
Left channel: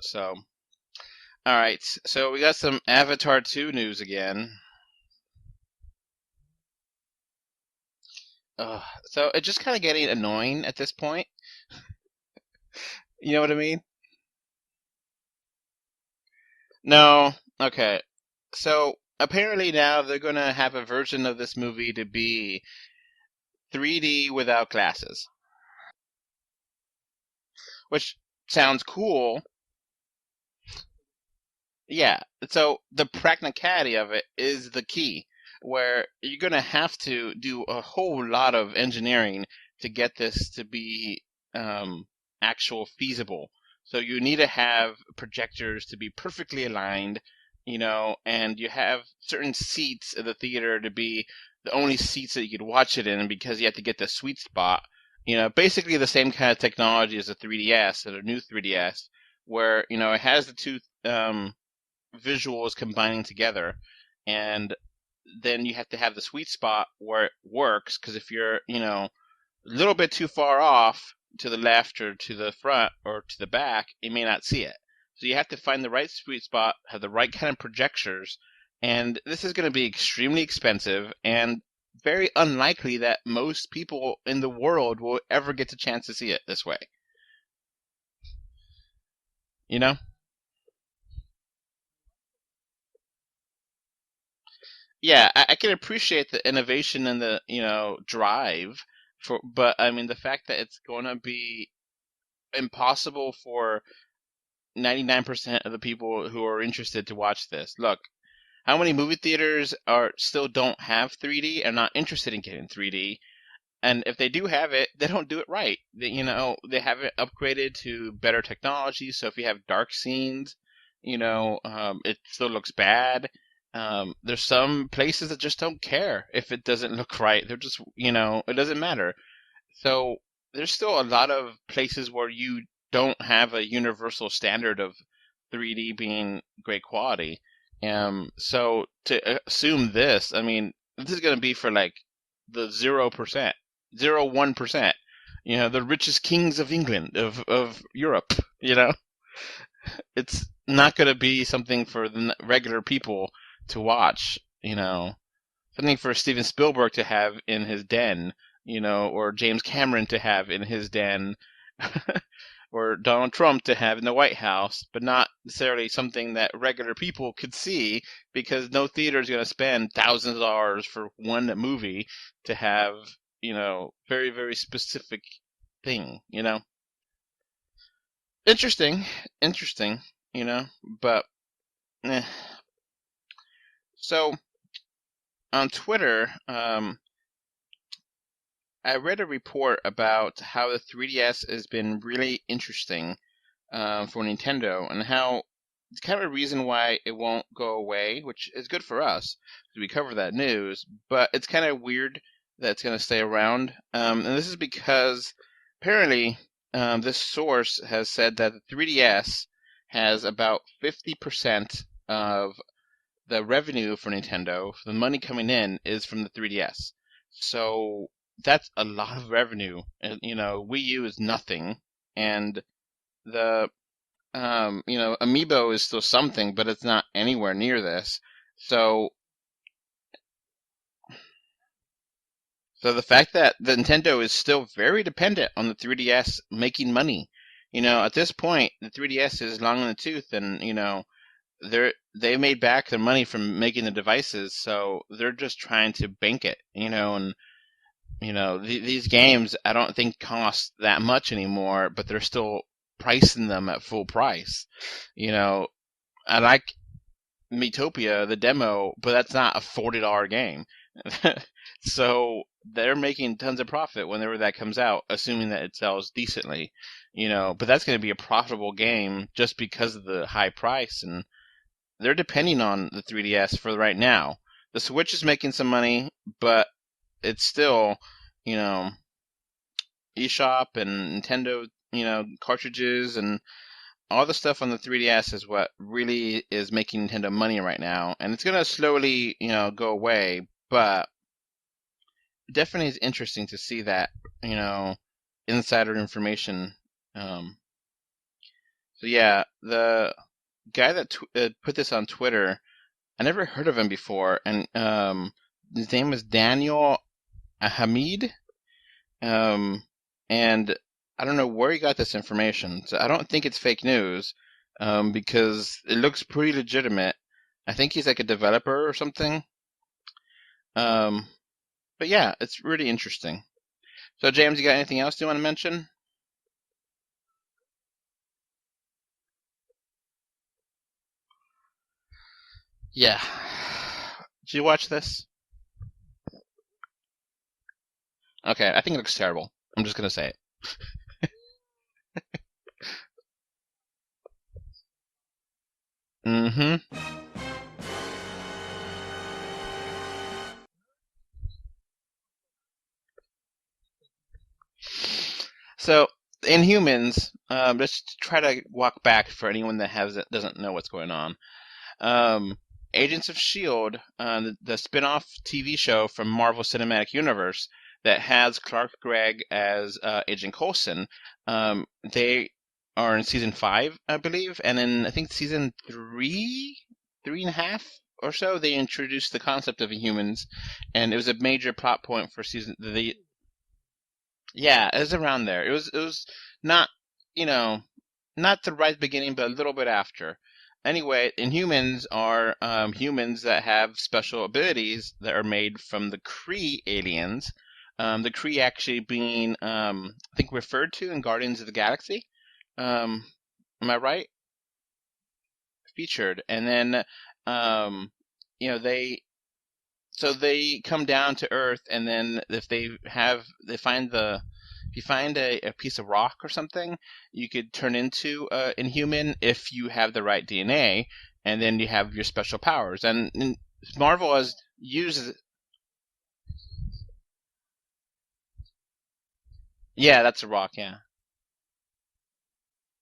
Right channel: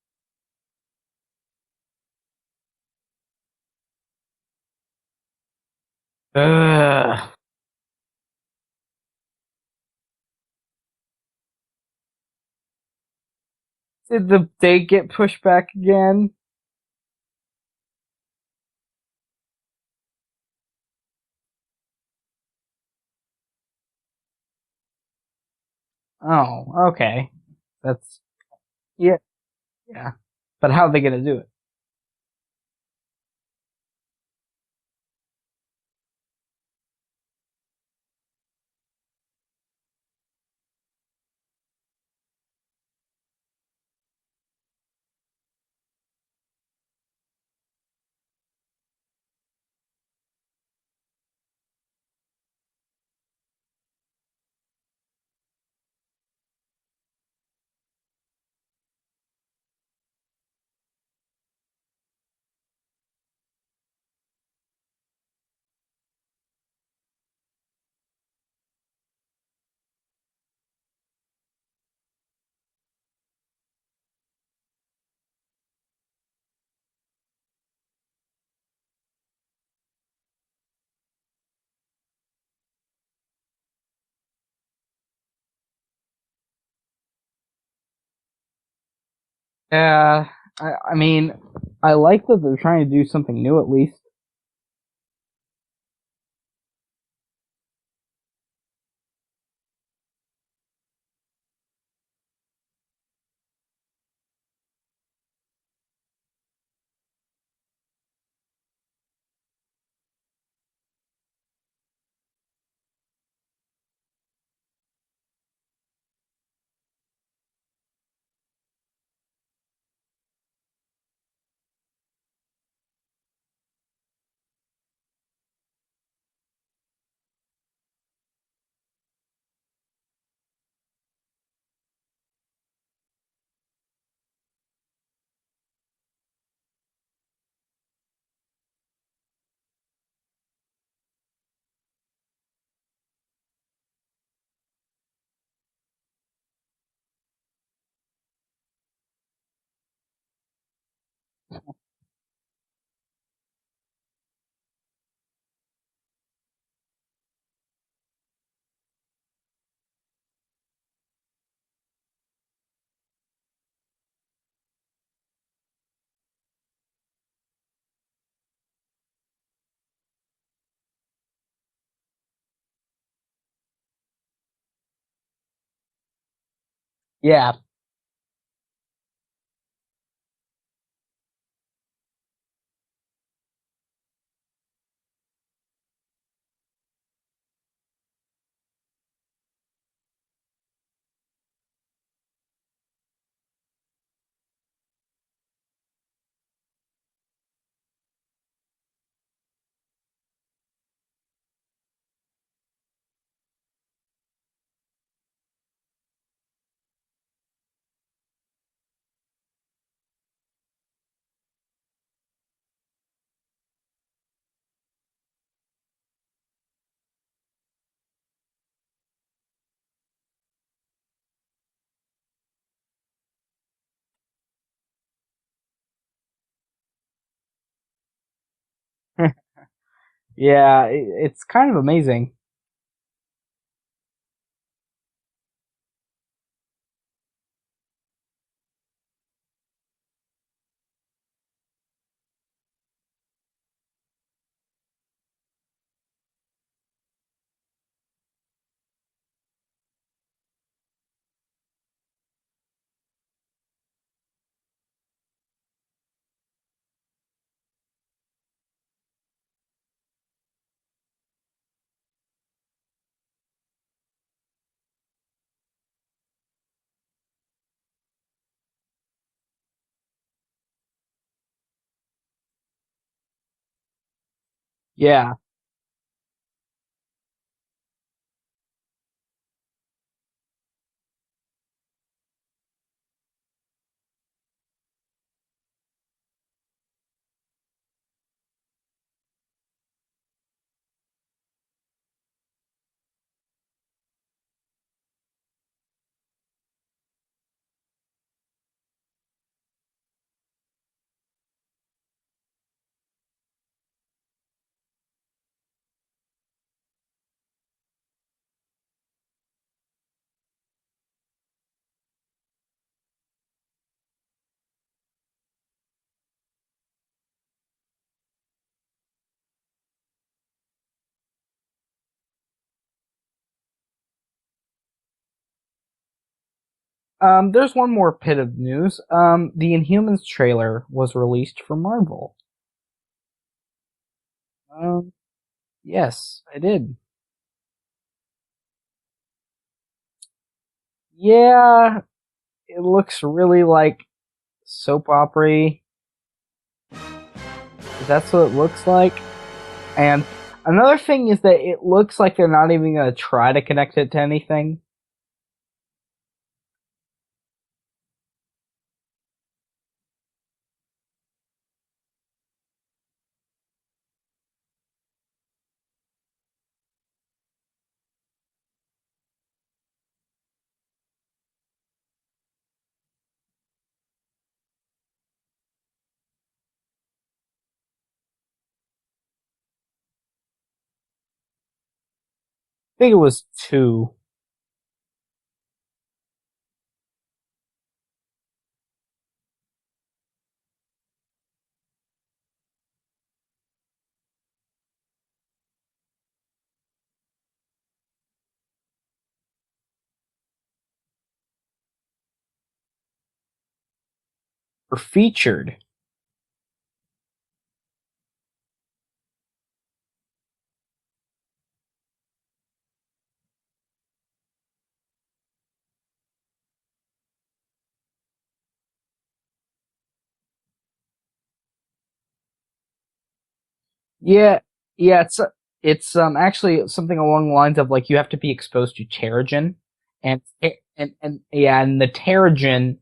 So, all right, so we got some Avatar 2 news again. Ugh. So it's just kind of getting annoying at this point. You know what I mean? Did the date get pushed back again? No. Okay. So apparently now they're going to have a version of this movie to be 3D without glasses. Oh, okay. Which sounds cool. Yeah. But how are they going to do it? Yeah. So the practicality of it is the key, where you're going to have to do a whole lot of engineering to get this to be actual feasible. So you need to have projectors to be perfectly aligned, and you have certain seats in the theater to be the only seats that you could watch it in because you have to get the sweet spot. Basically the same kind of technology as a 3DS or a new 3DS, where, it has the two visuals combining together, and then you have to have the sweet spot where it works, because if you're, a little bit too far off to the left or to the front or to the back, you may not see it. So you have to find the right sweet spot, have the right kind of projectors, and this is going to be extremely expensive and very unlikely that most people in the world will ever get the chance to see it this way. I mean, I like that they're trying to do something new at least. Yeah, I can appreciate the innovation and the, drive but I mean the fact that it's going to be impossible for 99% of the people who are interested to watch this. Look, how many movie theaters still don't have 3D and not interested in getting 3D? And if they do have it, they don't do it right. They have it upgraded to better technology. So if you have dark scenes, it still looks bad. There's some places that just don't care if it doesn't look right. They're just, it doesn't matter. So there's still a lot of places where you don't have a universal standard of 3D being great quality. So to assume this, I mean, this is going to be for like the 0%, 1%, the richest kings of England, of Europe, It's not going to be something for the regular people to watch, something for Steven Spielberg to have in his den, or James Cameron to have in his den, or Donald Trump to have in the White House, but not necessarily something that regular people could see, because no theater is going to spend thousands of dollars for one movie to have, very, very specific thing, Yeah. Interesting, but eh. So on Twitter, I read a report about how the 3DS has been really interesting for Nintendo, and how it's kind of a reason why it won't go away, which is good for us because we cover that news. But it's kind of weird that it's going to stay around, and this is because apparently this source has said that the 3DS has about 50% of the revenue for Nintendo, the money coming in, is from the 3DS. So that's a lot of revenue. And, Wii U is nothing, and the Amiibo is still something, but it's not anywhere near this. So Yeah, it's kind of amazing. So the fact that the Nintendo is still very dependent on the 3DS making money, At this point, the 3DS is long in the tooth, and they made back their money from making the devices, so they're just trying to bank it, and these games I don't think cost that much anymore, but they're still pricing them at full price. I like Metopia, the demo, but that's not a $40 game. So they're making tons of profit whenever that comes out, assuming that it sells decently, but that's going to be a profitable game just because of the high price, and they're depending on the 3DS for right now. The Switch is making some money, but it's still, eShop and Nintendo, cartridges and all the stuff on the 3DS is what really is making Nintendo money right now, and it's gonna slowly, go away. But definitely is interesting to see that, insider information. So yeah, the guy that put this on Twitter, I never heard of him before, and his name is Daniel Hamid, and I don't know where he got this information. So I don't think it's fake news, because it looks pretty legitimate. I think he's like a developer or something. But yeah, it's really interesting. So James, you got anything else you want to mention? There's one more bit of news. The Inhumans trailer was released for Marvel. Yeah. Did you watch this? Yes, I did. Okay, I think it looks terrible. I'm just gonna say it. Yeah, it looks really like soap opera-y. Mm-hmm. That's what it looks like. And another thing is that it looks like they're not even going to try to connect it to anything. So, Inhumans, let's try to walk back for anyone that doesn't know what's going on. Agents of S.H.I.E.L.D., the spin-off TV show from Marvel Cinematic Universe that has Clark Gregg as Agent Coulson, they are in season 5, I believe, and in, I think, season 3.5 or so, they introduced the concept of Inhumans, and it was a major plot point for season. I think it was 2. Yeah, it was around there. It was not, not the right beginning, but a little bit after. Anyway, Inhumans are humans that have special abilities that are made from the Kree aliens. The Kree actually being, I think, referred to in Guardians of the Galaxy. Am I right? Or featured. Featured, and then, they come down to Earth, and then if you find a piece of rock or something, you could turn into Inhuman if you have the right DNA, and then you have your special powers. And Marvel has used. It's actually something along the lines of like you have to be exposed to Terrigen. Yeah, that's a rock. Yeah, and the Terrigen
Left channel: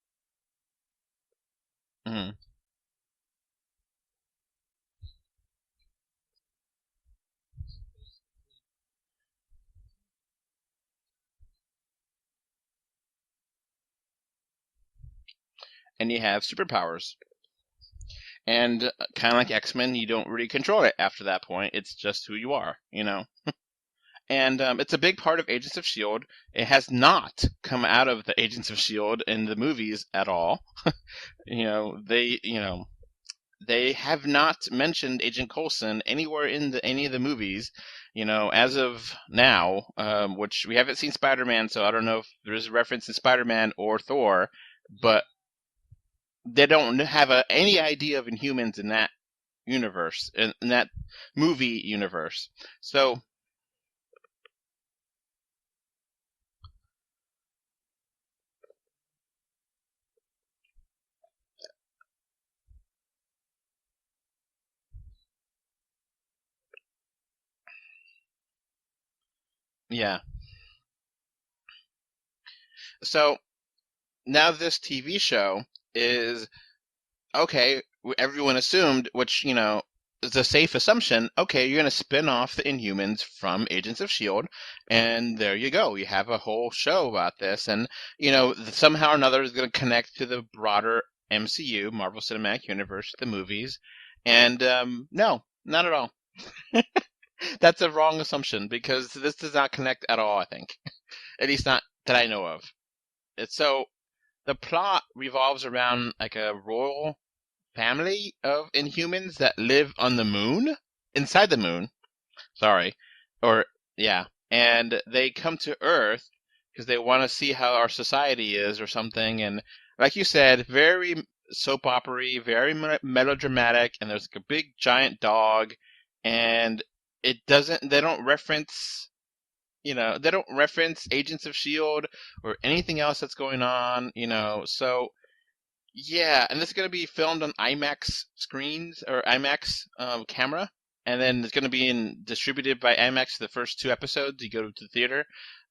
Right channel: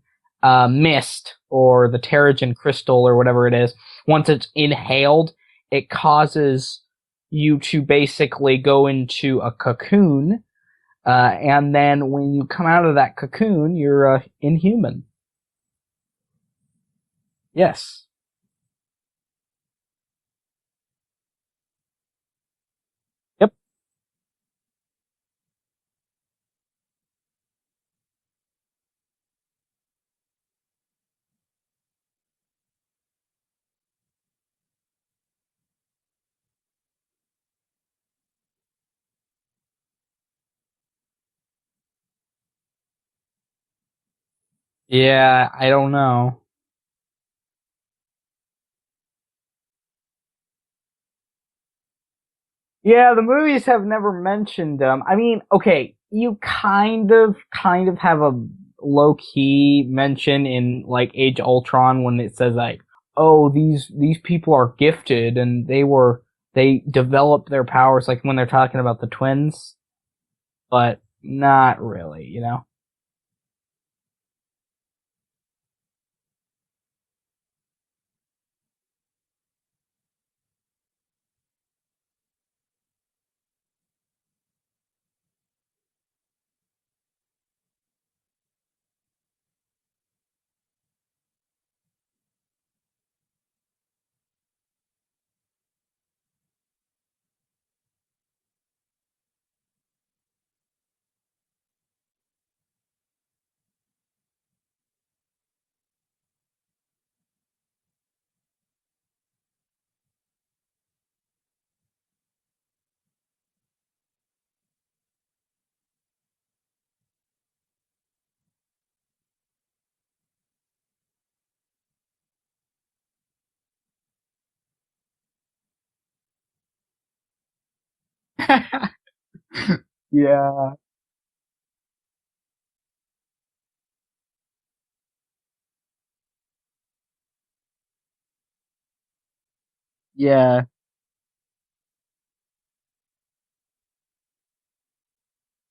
mist or the Terrigen crystal or whatever it is, once it's inhaled, it causes you to basically go into a cocoon, and then when you come out of that cocoon, you're Inhuman. And you have superpowers. Yes. And kind of like X-Men, you don't really control it after that point. It's just who you are, Yep. And it's a big part of Agents of S.H.I.E.L.D. It has not come out of the Agents of S.H.I.E.L.D. in the movies at all. They have not mentioned Agent Coulson anywhere in any of the movies, as of now, which we haven't seen Spider-Man, so I don't know if there's a reference in Spider-Man or Thor. Yeah, I don't know. They don't have any idea of Inhumans in that universe, in that movie universe. Yeah, the movies have never mentioned them. I mean, okay, you kind of have a low-key mention in, like, Age of Ultron when it says, like, oh, these people are gifted, and they developed their powers, like, when they're talking about the twins. Yeah. But not really, So, now this TV show is, okay, everyone assumed, which, is a safe assumption, okay, you're going to spin off the Inhumans from Agents of S.H.I.E.L.D., and there you go. You have a whole show about this, and, somehow or another is going to connect to the broader MCU, Marvel Cinematic Universe, the movies, and, no, not at all. That's a wrong assumption, because this does not connect at all, I think. At least not that I know of. It's so... the plot revolves around like a royal family of Inhumans that live on the moon, inside the moon. Sorry, or yeah, and they come to Earth because they want to see how our society is or something. And like you said, very soap opera-y, very melodramatic, and there's like a big giant dog, and it doesn't. They don't reference. They don't Yeah. reference Agents of Shield or anything else that's going on. So yeah, and this is going to be filmed on IMAX screens or IMAX Yeah. camera, and then it's going to be distributed by IMAX the first two episodes. You go to the theater.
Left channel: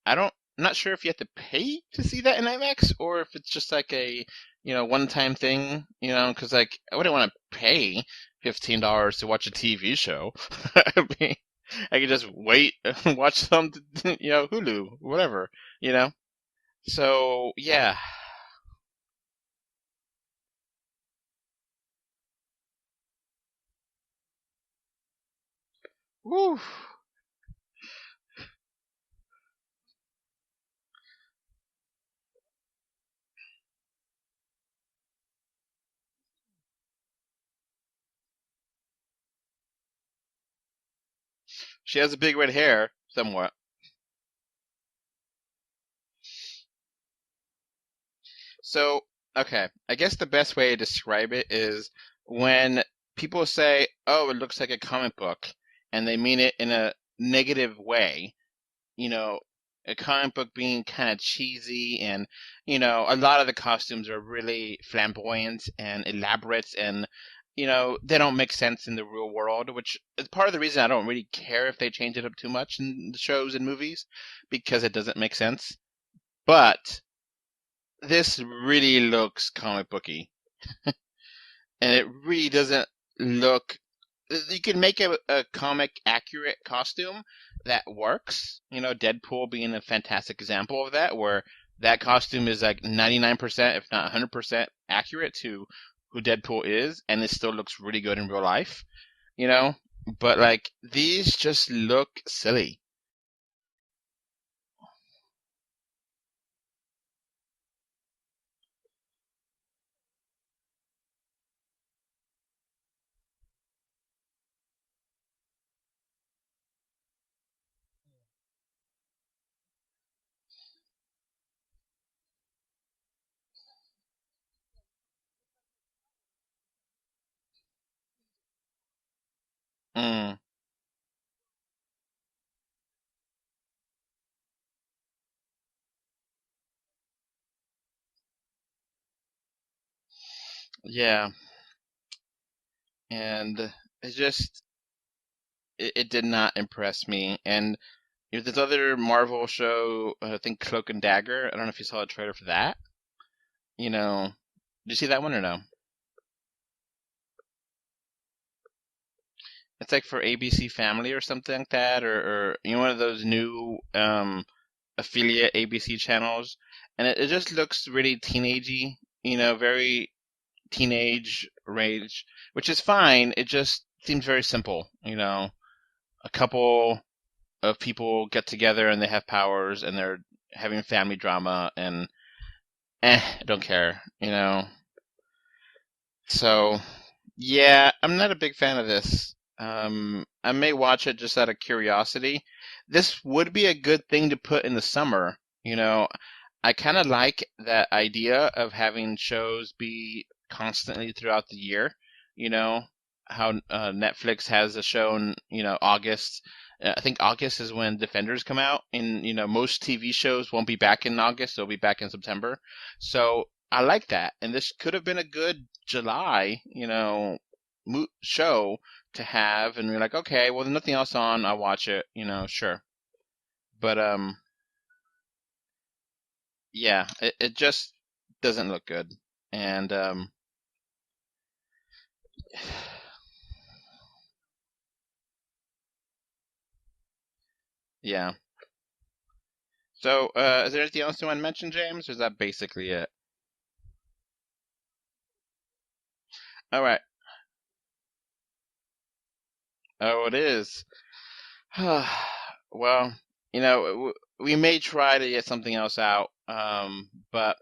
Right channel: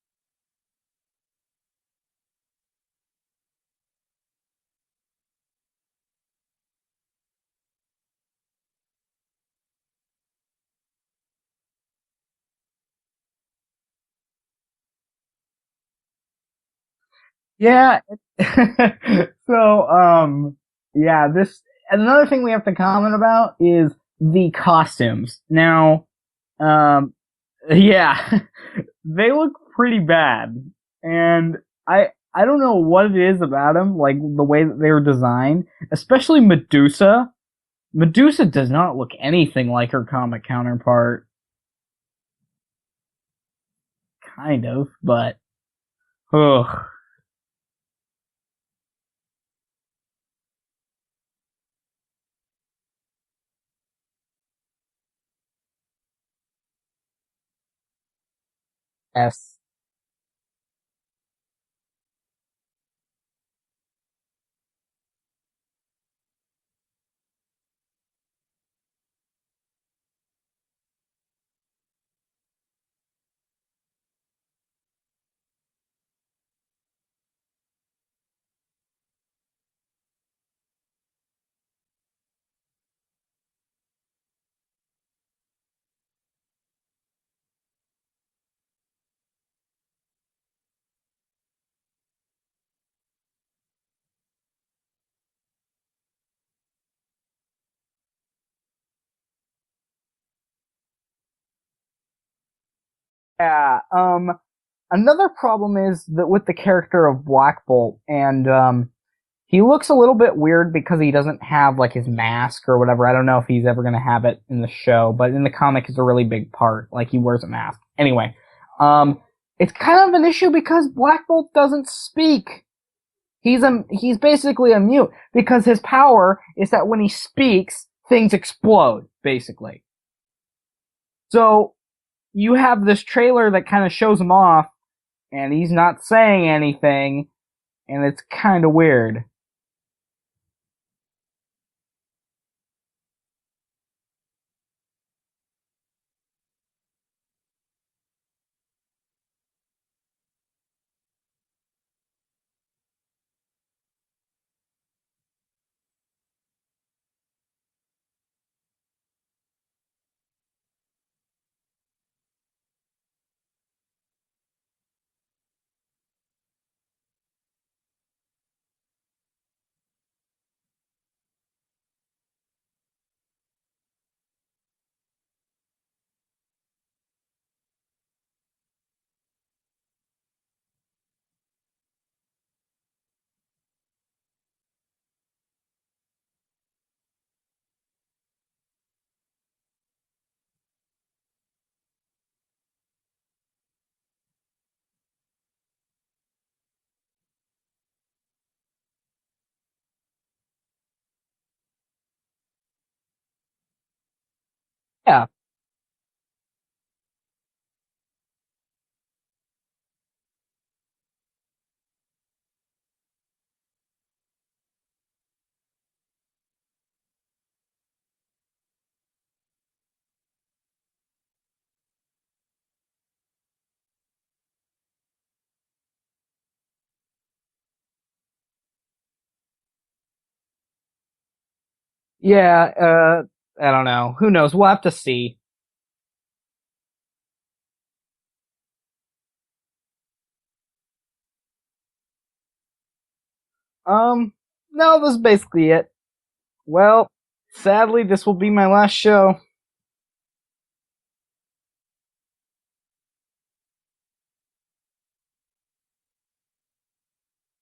I'm not sure if you have to pay to see that in IMAX or if it's just like a one-time thing. Because like I wouldn't want to pay $15 to watch a TV show. I mean, I could just wait and watch some, Hulu, whatever. You know. So yeah. Yeah. So, yeah, another thing we have to comment about is the costumes. Now, Woo. yeah, they look pretty bad. And I don't know what it is about them, like the way that they were designed, especially Medusa. Medusa does not look anything like her comic counterpart. She has a big red hair, somewhat. Kind of, but ugh. So, okay, I guess the best way to describe it is when people say, "Oh, it looks like a comic book," and they mean it in a negative way. Yes. A comic book being kind of cheesy, and a lot of the costumes are really flamboyant and elaborate, and they don't make sense in the real world, which is part of the reason I don't really care if they change it up too much in the shows and movies, because it doesn't make sense. But this really looks comic booky, and it really doesn't look. You can make a comic accurate costume that works. Deadpool being a fantastic example of that, where that costume is like 99%, if not 100% accurate to who Deadpool is, and it still looks really good in real life. You know, but like these just look silly. Yeah. Another problem is that with the character of Black Bolt, and he looks a little bit weird because he doesn't have like his mask or whatever. I don't know if he's ever gonna have it in the show, but in the comic, it's a really big part. Like he wears a mask. Anyway, it's kind of an issue because Black Bolt doesn't speak. He's basically a mute because his power is that when he speaks, things explode. Basically. Mm. So you have this trailer that kind of shows him off, and he's not saying anything, and it's kind of weird. Yeah, and it did not impress me. And this other Marvel show, I think Cloak and Dagger. I don't know if you saw the trailer for that. Did you see that one or no? It's like for ABC Family or something like that, or one of those new affiliate ABC channels, and it just looks really teenagey. Very teenage rage, which is fine. It just seems very simple. A couple of people get together and they have powers and they're having family drama, and I don't care. So yeah, I'm not a big fan of this. I may watch it just out of curiosity. This would be a good thing to put in the summer. I kind of like that idea of having shows be constantly throughout the year. You know, how Netflix has a show Yeah. in, August. I think August is when Defenders come out, and, most TV shows won't be back in August, they'll be back in September. So I like that. And this could have been a good July, show to have. And you're like, okay, well, there's nothing else on, I'll watch it, sure. But, yeah, it just doesn't look good. And Yeah, I don't know. Who knows? We'll have to see. yeah. So, is there anything else you want to mention, James? Or is that basically it? No, this is basically it. All right. Well, sadly, this will be my last show. Oh, it is. Well, we may try to get something else out, but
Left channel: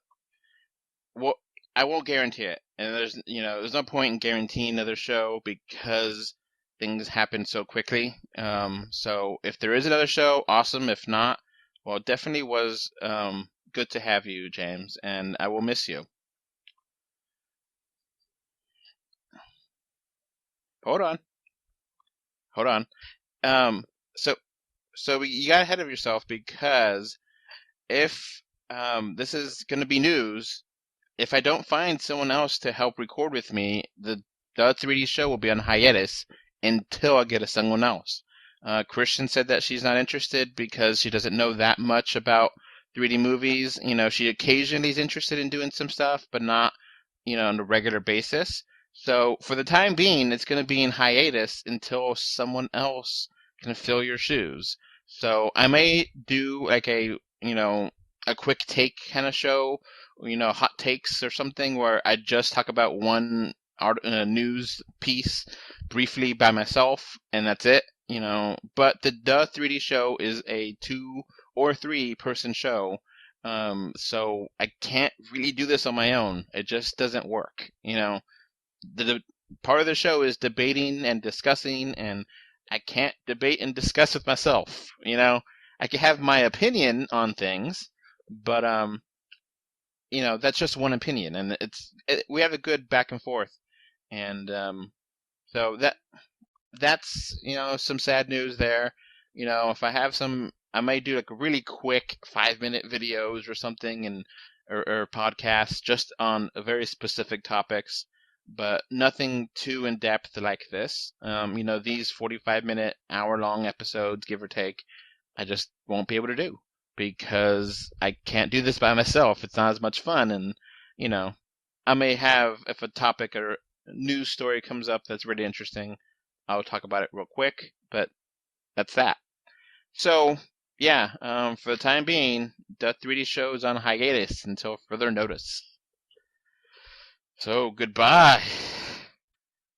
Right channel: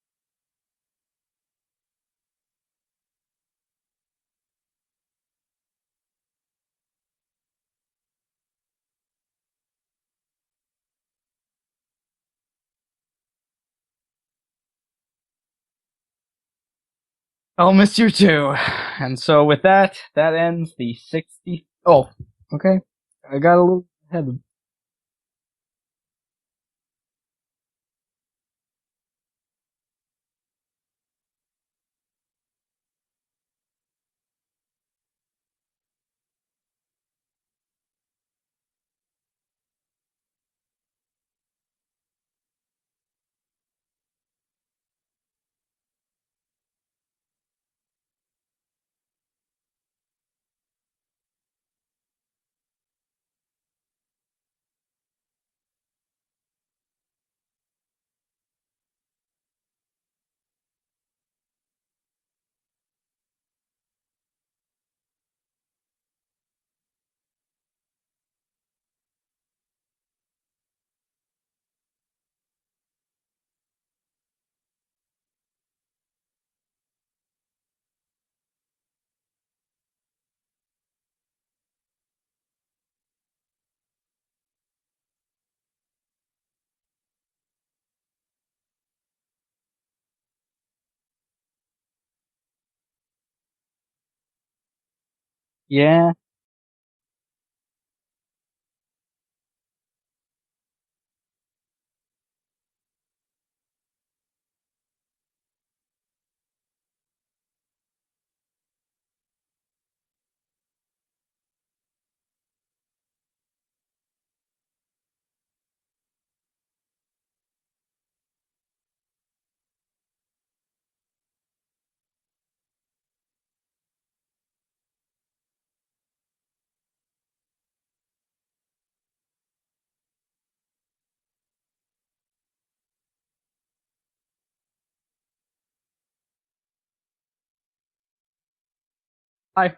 well, I won't guarantee it, and there's no point in guaranteeing another show because things happen so quickly. So if there is another show, awesome. If not, well, it definitely was good to have you, James, and I will miss you. I'll miss you too. And so with that ends the Hold on. 60. Oh, Hold okay. on. I got a little So ahead. so you got ahead of yourself because if this is going to be news, if I don't find someone else to help record with me, the 3D show will be on hiatus until I get someone else. Christian said that she's not interested because she doesn't know that much about 3D movies. She occasionally is interested in doing some stuff, but not, on a regular basis. So for the time being, it's going to be in hiatus until someone else can fill your shoes. So I may do like a quick take kind of show, hot takes or something where I just talk about one news piece briefly by myself, and that's it. But the 3D show is a 2 or 3 person show, so I can't really do this on my own. It just doesn't work. The part of the show is debating and discussing, and I can't debate and discuss with myself. I can have my opinion on things, but that's just one opinion, and we have a good back and forth, and so Yeah. that's some sad news there. If I have some, I might do like really quick 5-minute videos or something, or podcasts just on very specific topics, but nothing too in depth like this. These 45-minute, hour-long episodes, give or take, I just won't be able to do because I can't do this by myself. It's not as much fun, and I may have, if a topic or news story comes up that's really interesting, I'll talk about it real quick, but that's that. So yeah, for the time being, the 3D show is on hiatus until further notice. So goodbye. Bye.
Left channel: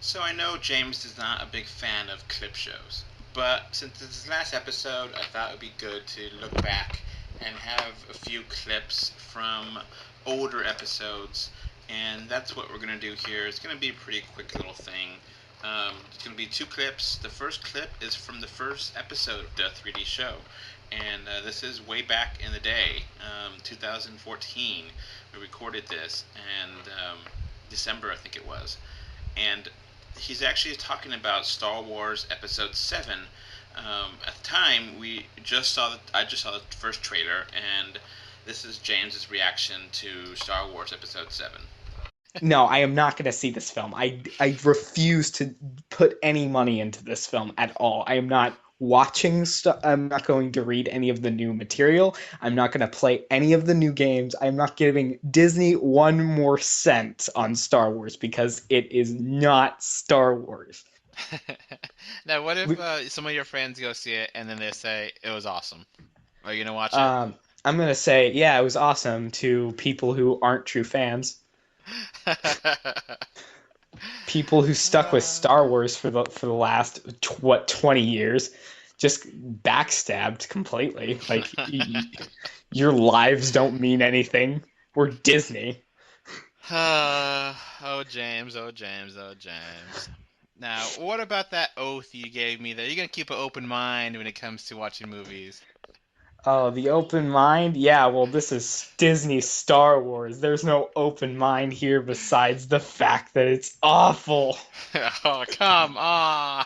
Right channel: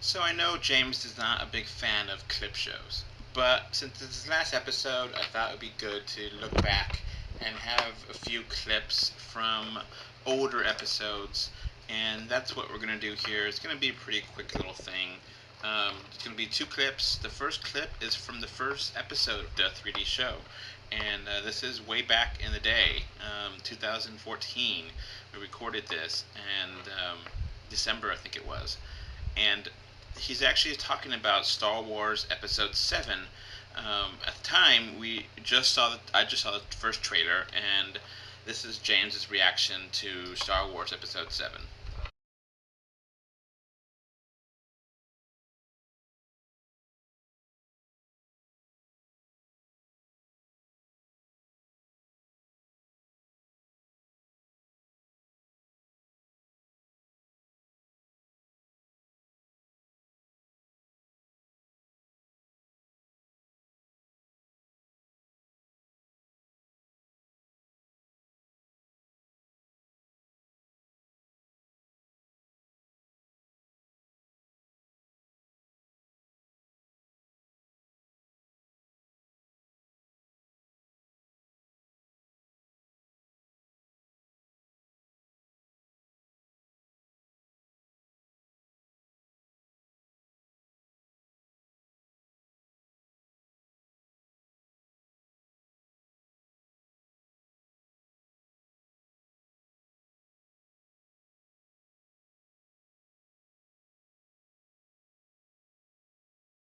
So I know James is not a big fan of clip shows, but since this is the last episode, I thought it would be good to look back and have a few clips from older episodes, and that's what we're going to do here. It's going to be a pretty quick little thing. It's going to be 2 clips. The first clip is from the first episode of the 3D show, and this is way back in the day, 2014. We recorded this, and December I think it was, and he's actually talking about Star Wars Episode 7. At the time, I just saw the first trailer, and this is James's reaction to Star Wars Episode 7. No, I am not going to see this film. I refuse to put any money into this film at all. I am not watching stuff. I'm not going to read any of the new material. I'm not going to play any of the new games. I'm not giving Disney 1 more cent on Star Wars because it is not Star Wars. Now, what if some of your friends go see it and then they say it was awesome? Are you going to watch it? I'm going to say, yeah, it was awesome to people who aren't true fans. People who stuck with Star Wars for the last 20 years just backstabbed completely. Like your lives don't mean anything. We're Disney. Oh James. Now, what about that oath you gave me that you're gonna keep an open mind when it comes to watching movies? Oh, the open mind? Yeah, well, this is Disney Star Wars. There's no open mind here besides the fact that it's awful. Oh, come on.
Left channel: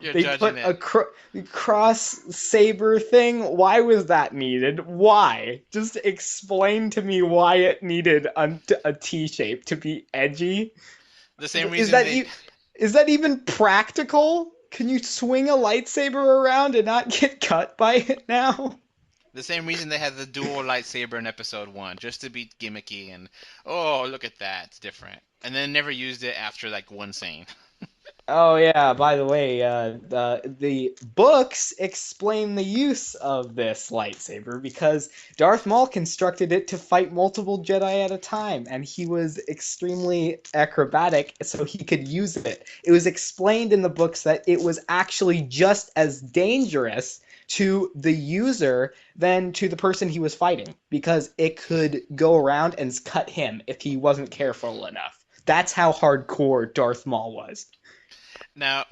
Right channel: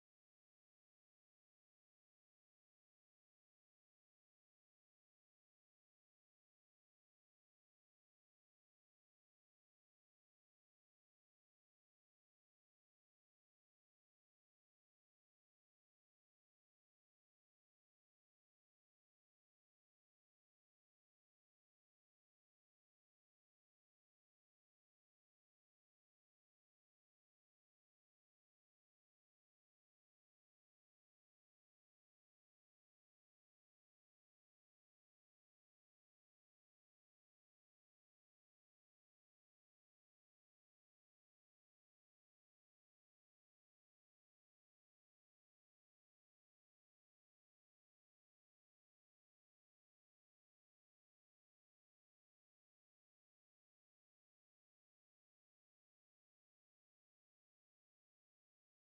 You're They judging put it. a cross saber thing. Why was that needed? Why? Just explain to me why it needed a T shape to be edgy. The same Is reason that they... is that even practical? Can you swing a lightsaber around and not get cut by it now? The same reason they had the dual lightsaber in episode 1, just to be gimmicky and, oh, look at that, it's different. And then never used it after, like, one scene. Oh yeah, by the way, the books explain the use of this lightsaber because Darth Maul constructed it to fight multiple Jedi at a time, and he was extremely acrobatic, so he could use it. It was explained in the books that it was actually just as dangerous to the user than to the person he was fighting, because it could go around and cut him if he wasn't careful enough. That's how hardcore Darth Maul was. Now,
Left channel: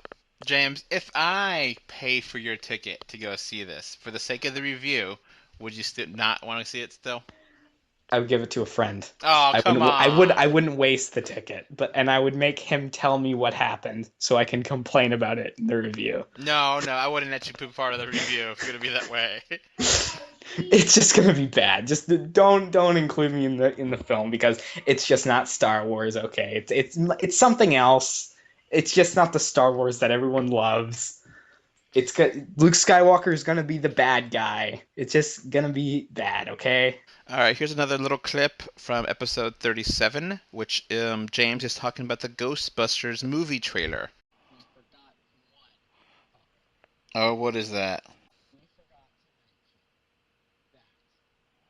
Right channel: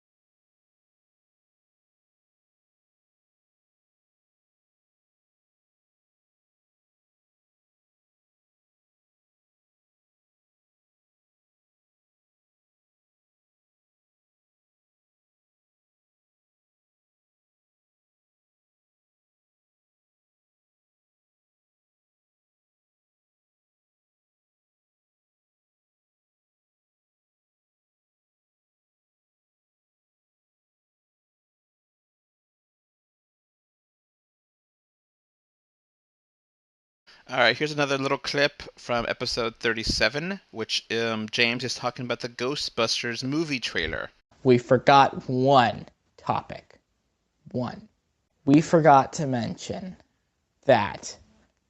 James, if I pay for your ticket to go see this for the sake of the review, would you still not want to see it still? I would give it to a friend. Oh, come on. I wouldn't waste the ticket, and I would make him tell me what happened so I can complain about it in the review. No, I wouldn't let you be part of the review if it's gonna be that way. It's just gonna be bad. Just don't include me in the film, because it's just not Star Wars. Okay, it's something else. It's just not the Star Wars that everyone loves. Luke Skywalker is gonna be the bad guy. It's just gonna be bad, okay? All right, here's another little clip from episode 37, which James is talking about the Ghostbusters movie trailer. We forgot one topic. Oh, what is that? We forgot to mention that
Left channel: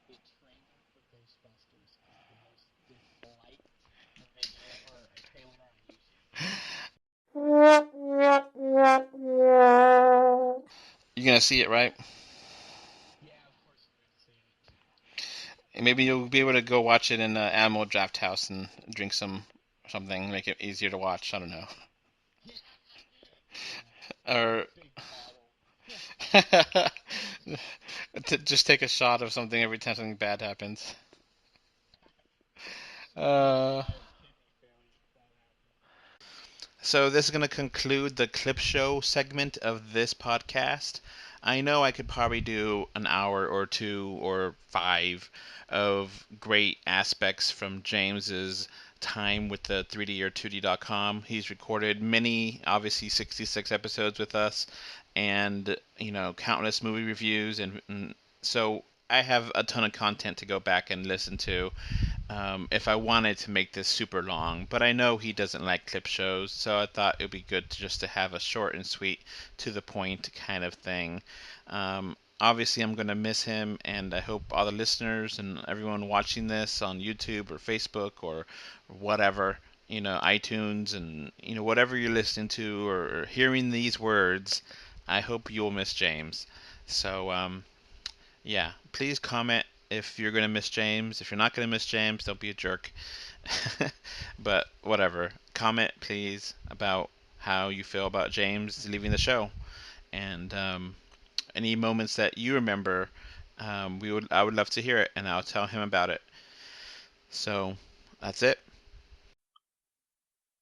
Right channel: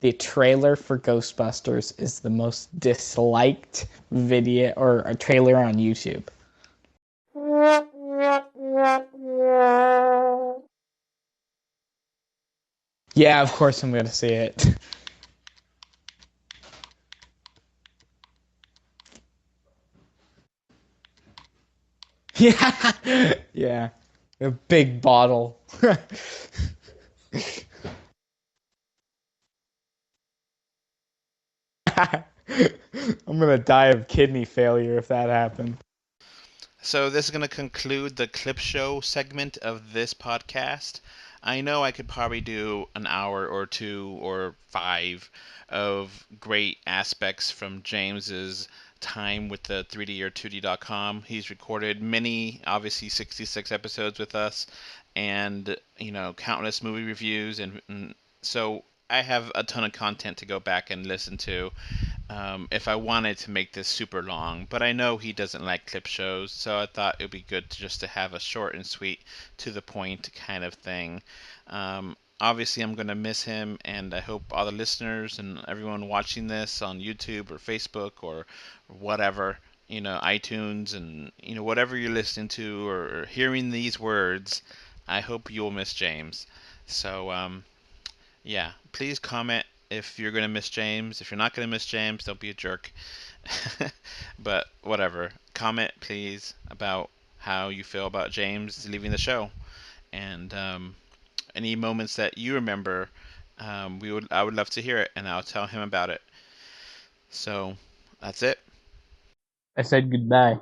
the trailer for Ghostbusters is the most disliked video or a trailer on YouTube. You're gonna see it, right? Yeah, of course I'm gonna see it. Maybe you'll be able to go watch it in the Animal Draft House and drink something, make it easier to watch. I don't know. Yeah. Or a big bottle. Just take a shot of something every time something bad happens. I'm gonna die of kidney failure if that happened. So this is going to conclude the clip show segment of this podcast. I know I could probably do an hour or 2 or 5 of great aspects from James's time with the 3D or 2D.com. He's recorded many, obviously 66 episodes with us, and countless movie reviews, and so I have a ton of content to go back and listen to if I wanted to make this super long, but I know he doesn't like clip shows, so I thought it would be good to have a short and sweet, to the point kind of thing. Obviously, I'm going to miss him, and I hope all the listeners and everyone watching this on YouTube or Facebook or whatever, iTunes and whatever you're listening to or hearing these words, I hope you'll miss James. So, yeah, please comment if you're going to miss James. If you're not going to miss James, don't be a jerk. But whatever. Comment, please, about how you feel about James leaving the show. And any moments that you remember, I would love to hear it, and I'll tell him about it. So, that's it. I said goodbye.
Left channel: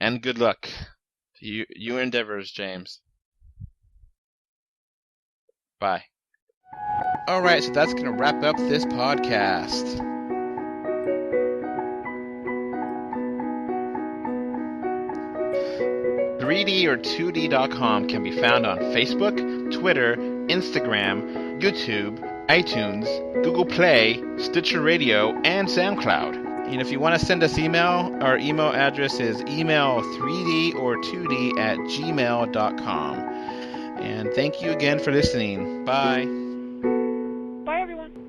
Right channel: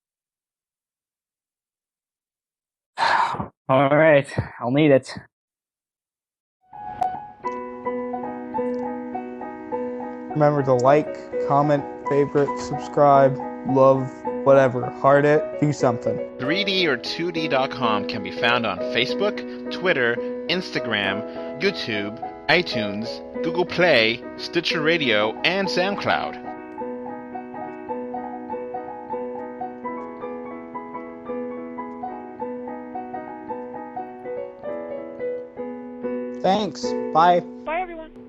And good luck to your endeavors, James. All right, I'll need it. Bye. Alright, so that's going to wrap up this podcast. Remember to like, comment, favorite, subscribe, love, whatever. Heart it, do something. 3D or 2D.com can be found on Facebook, Twitter, Instagram, YouTube, iTunes, Google Play, Stitcher Radio, and SoundCloud. And if you want to send us email, our email address is email3dortwo@gmail.com. And thank you again for listening. Bye. Thanks. Bye. Bye, everyone.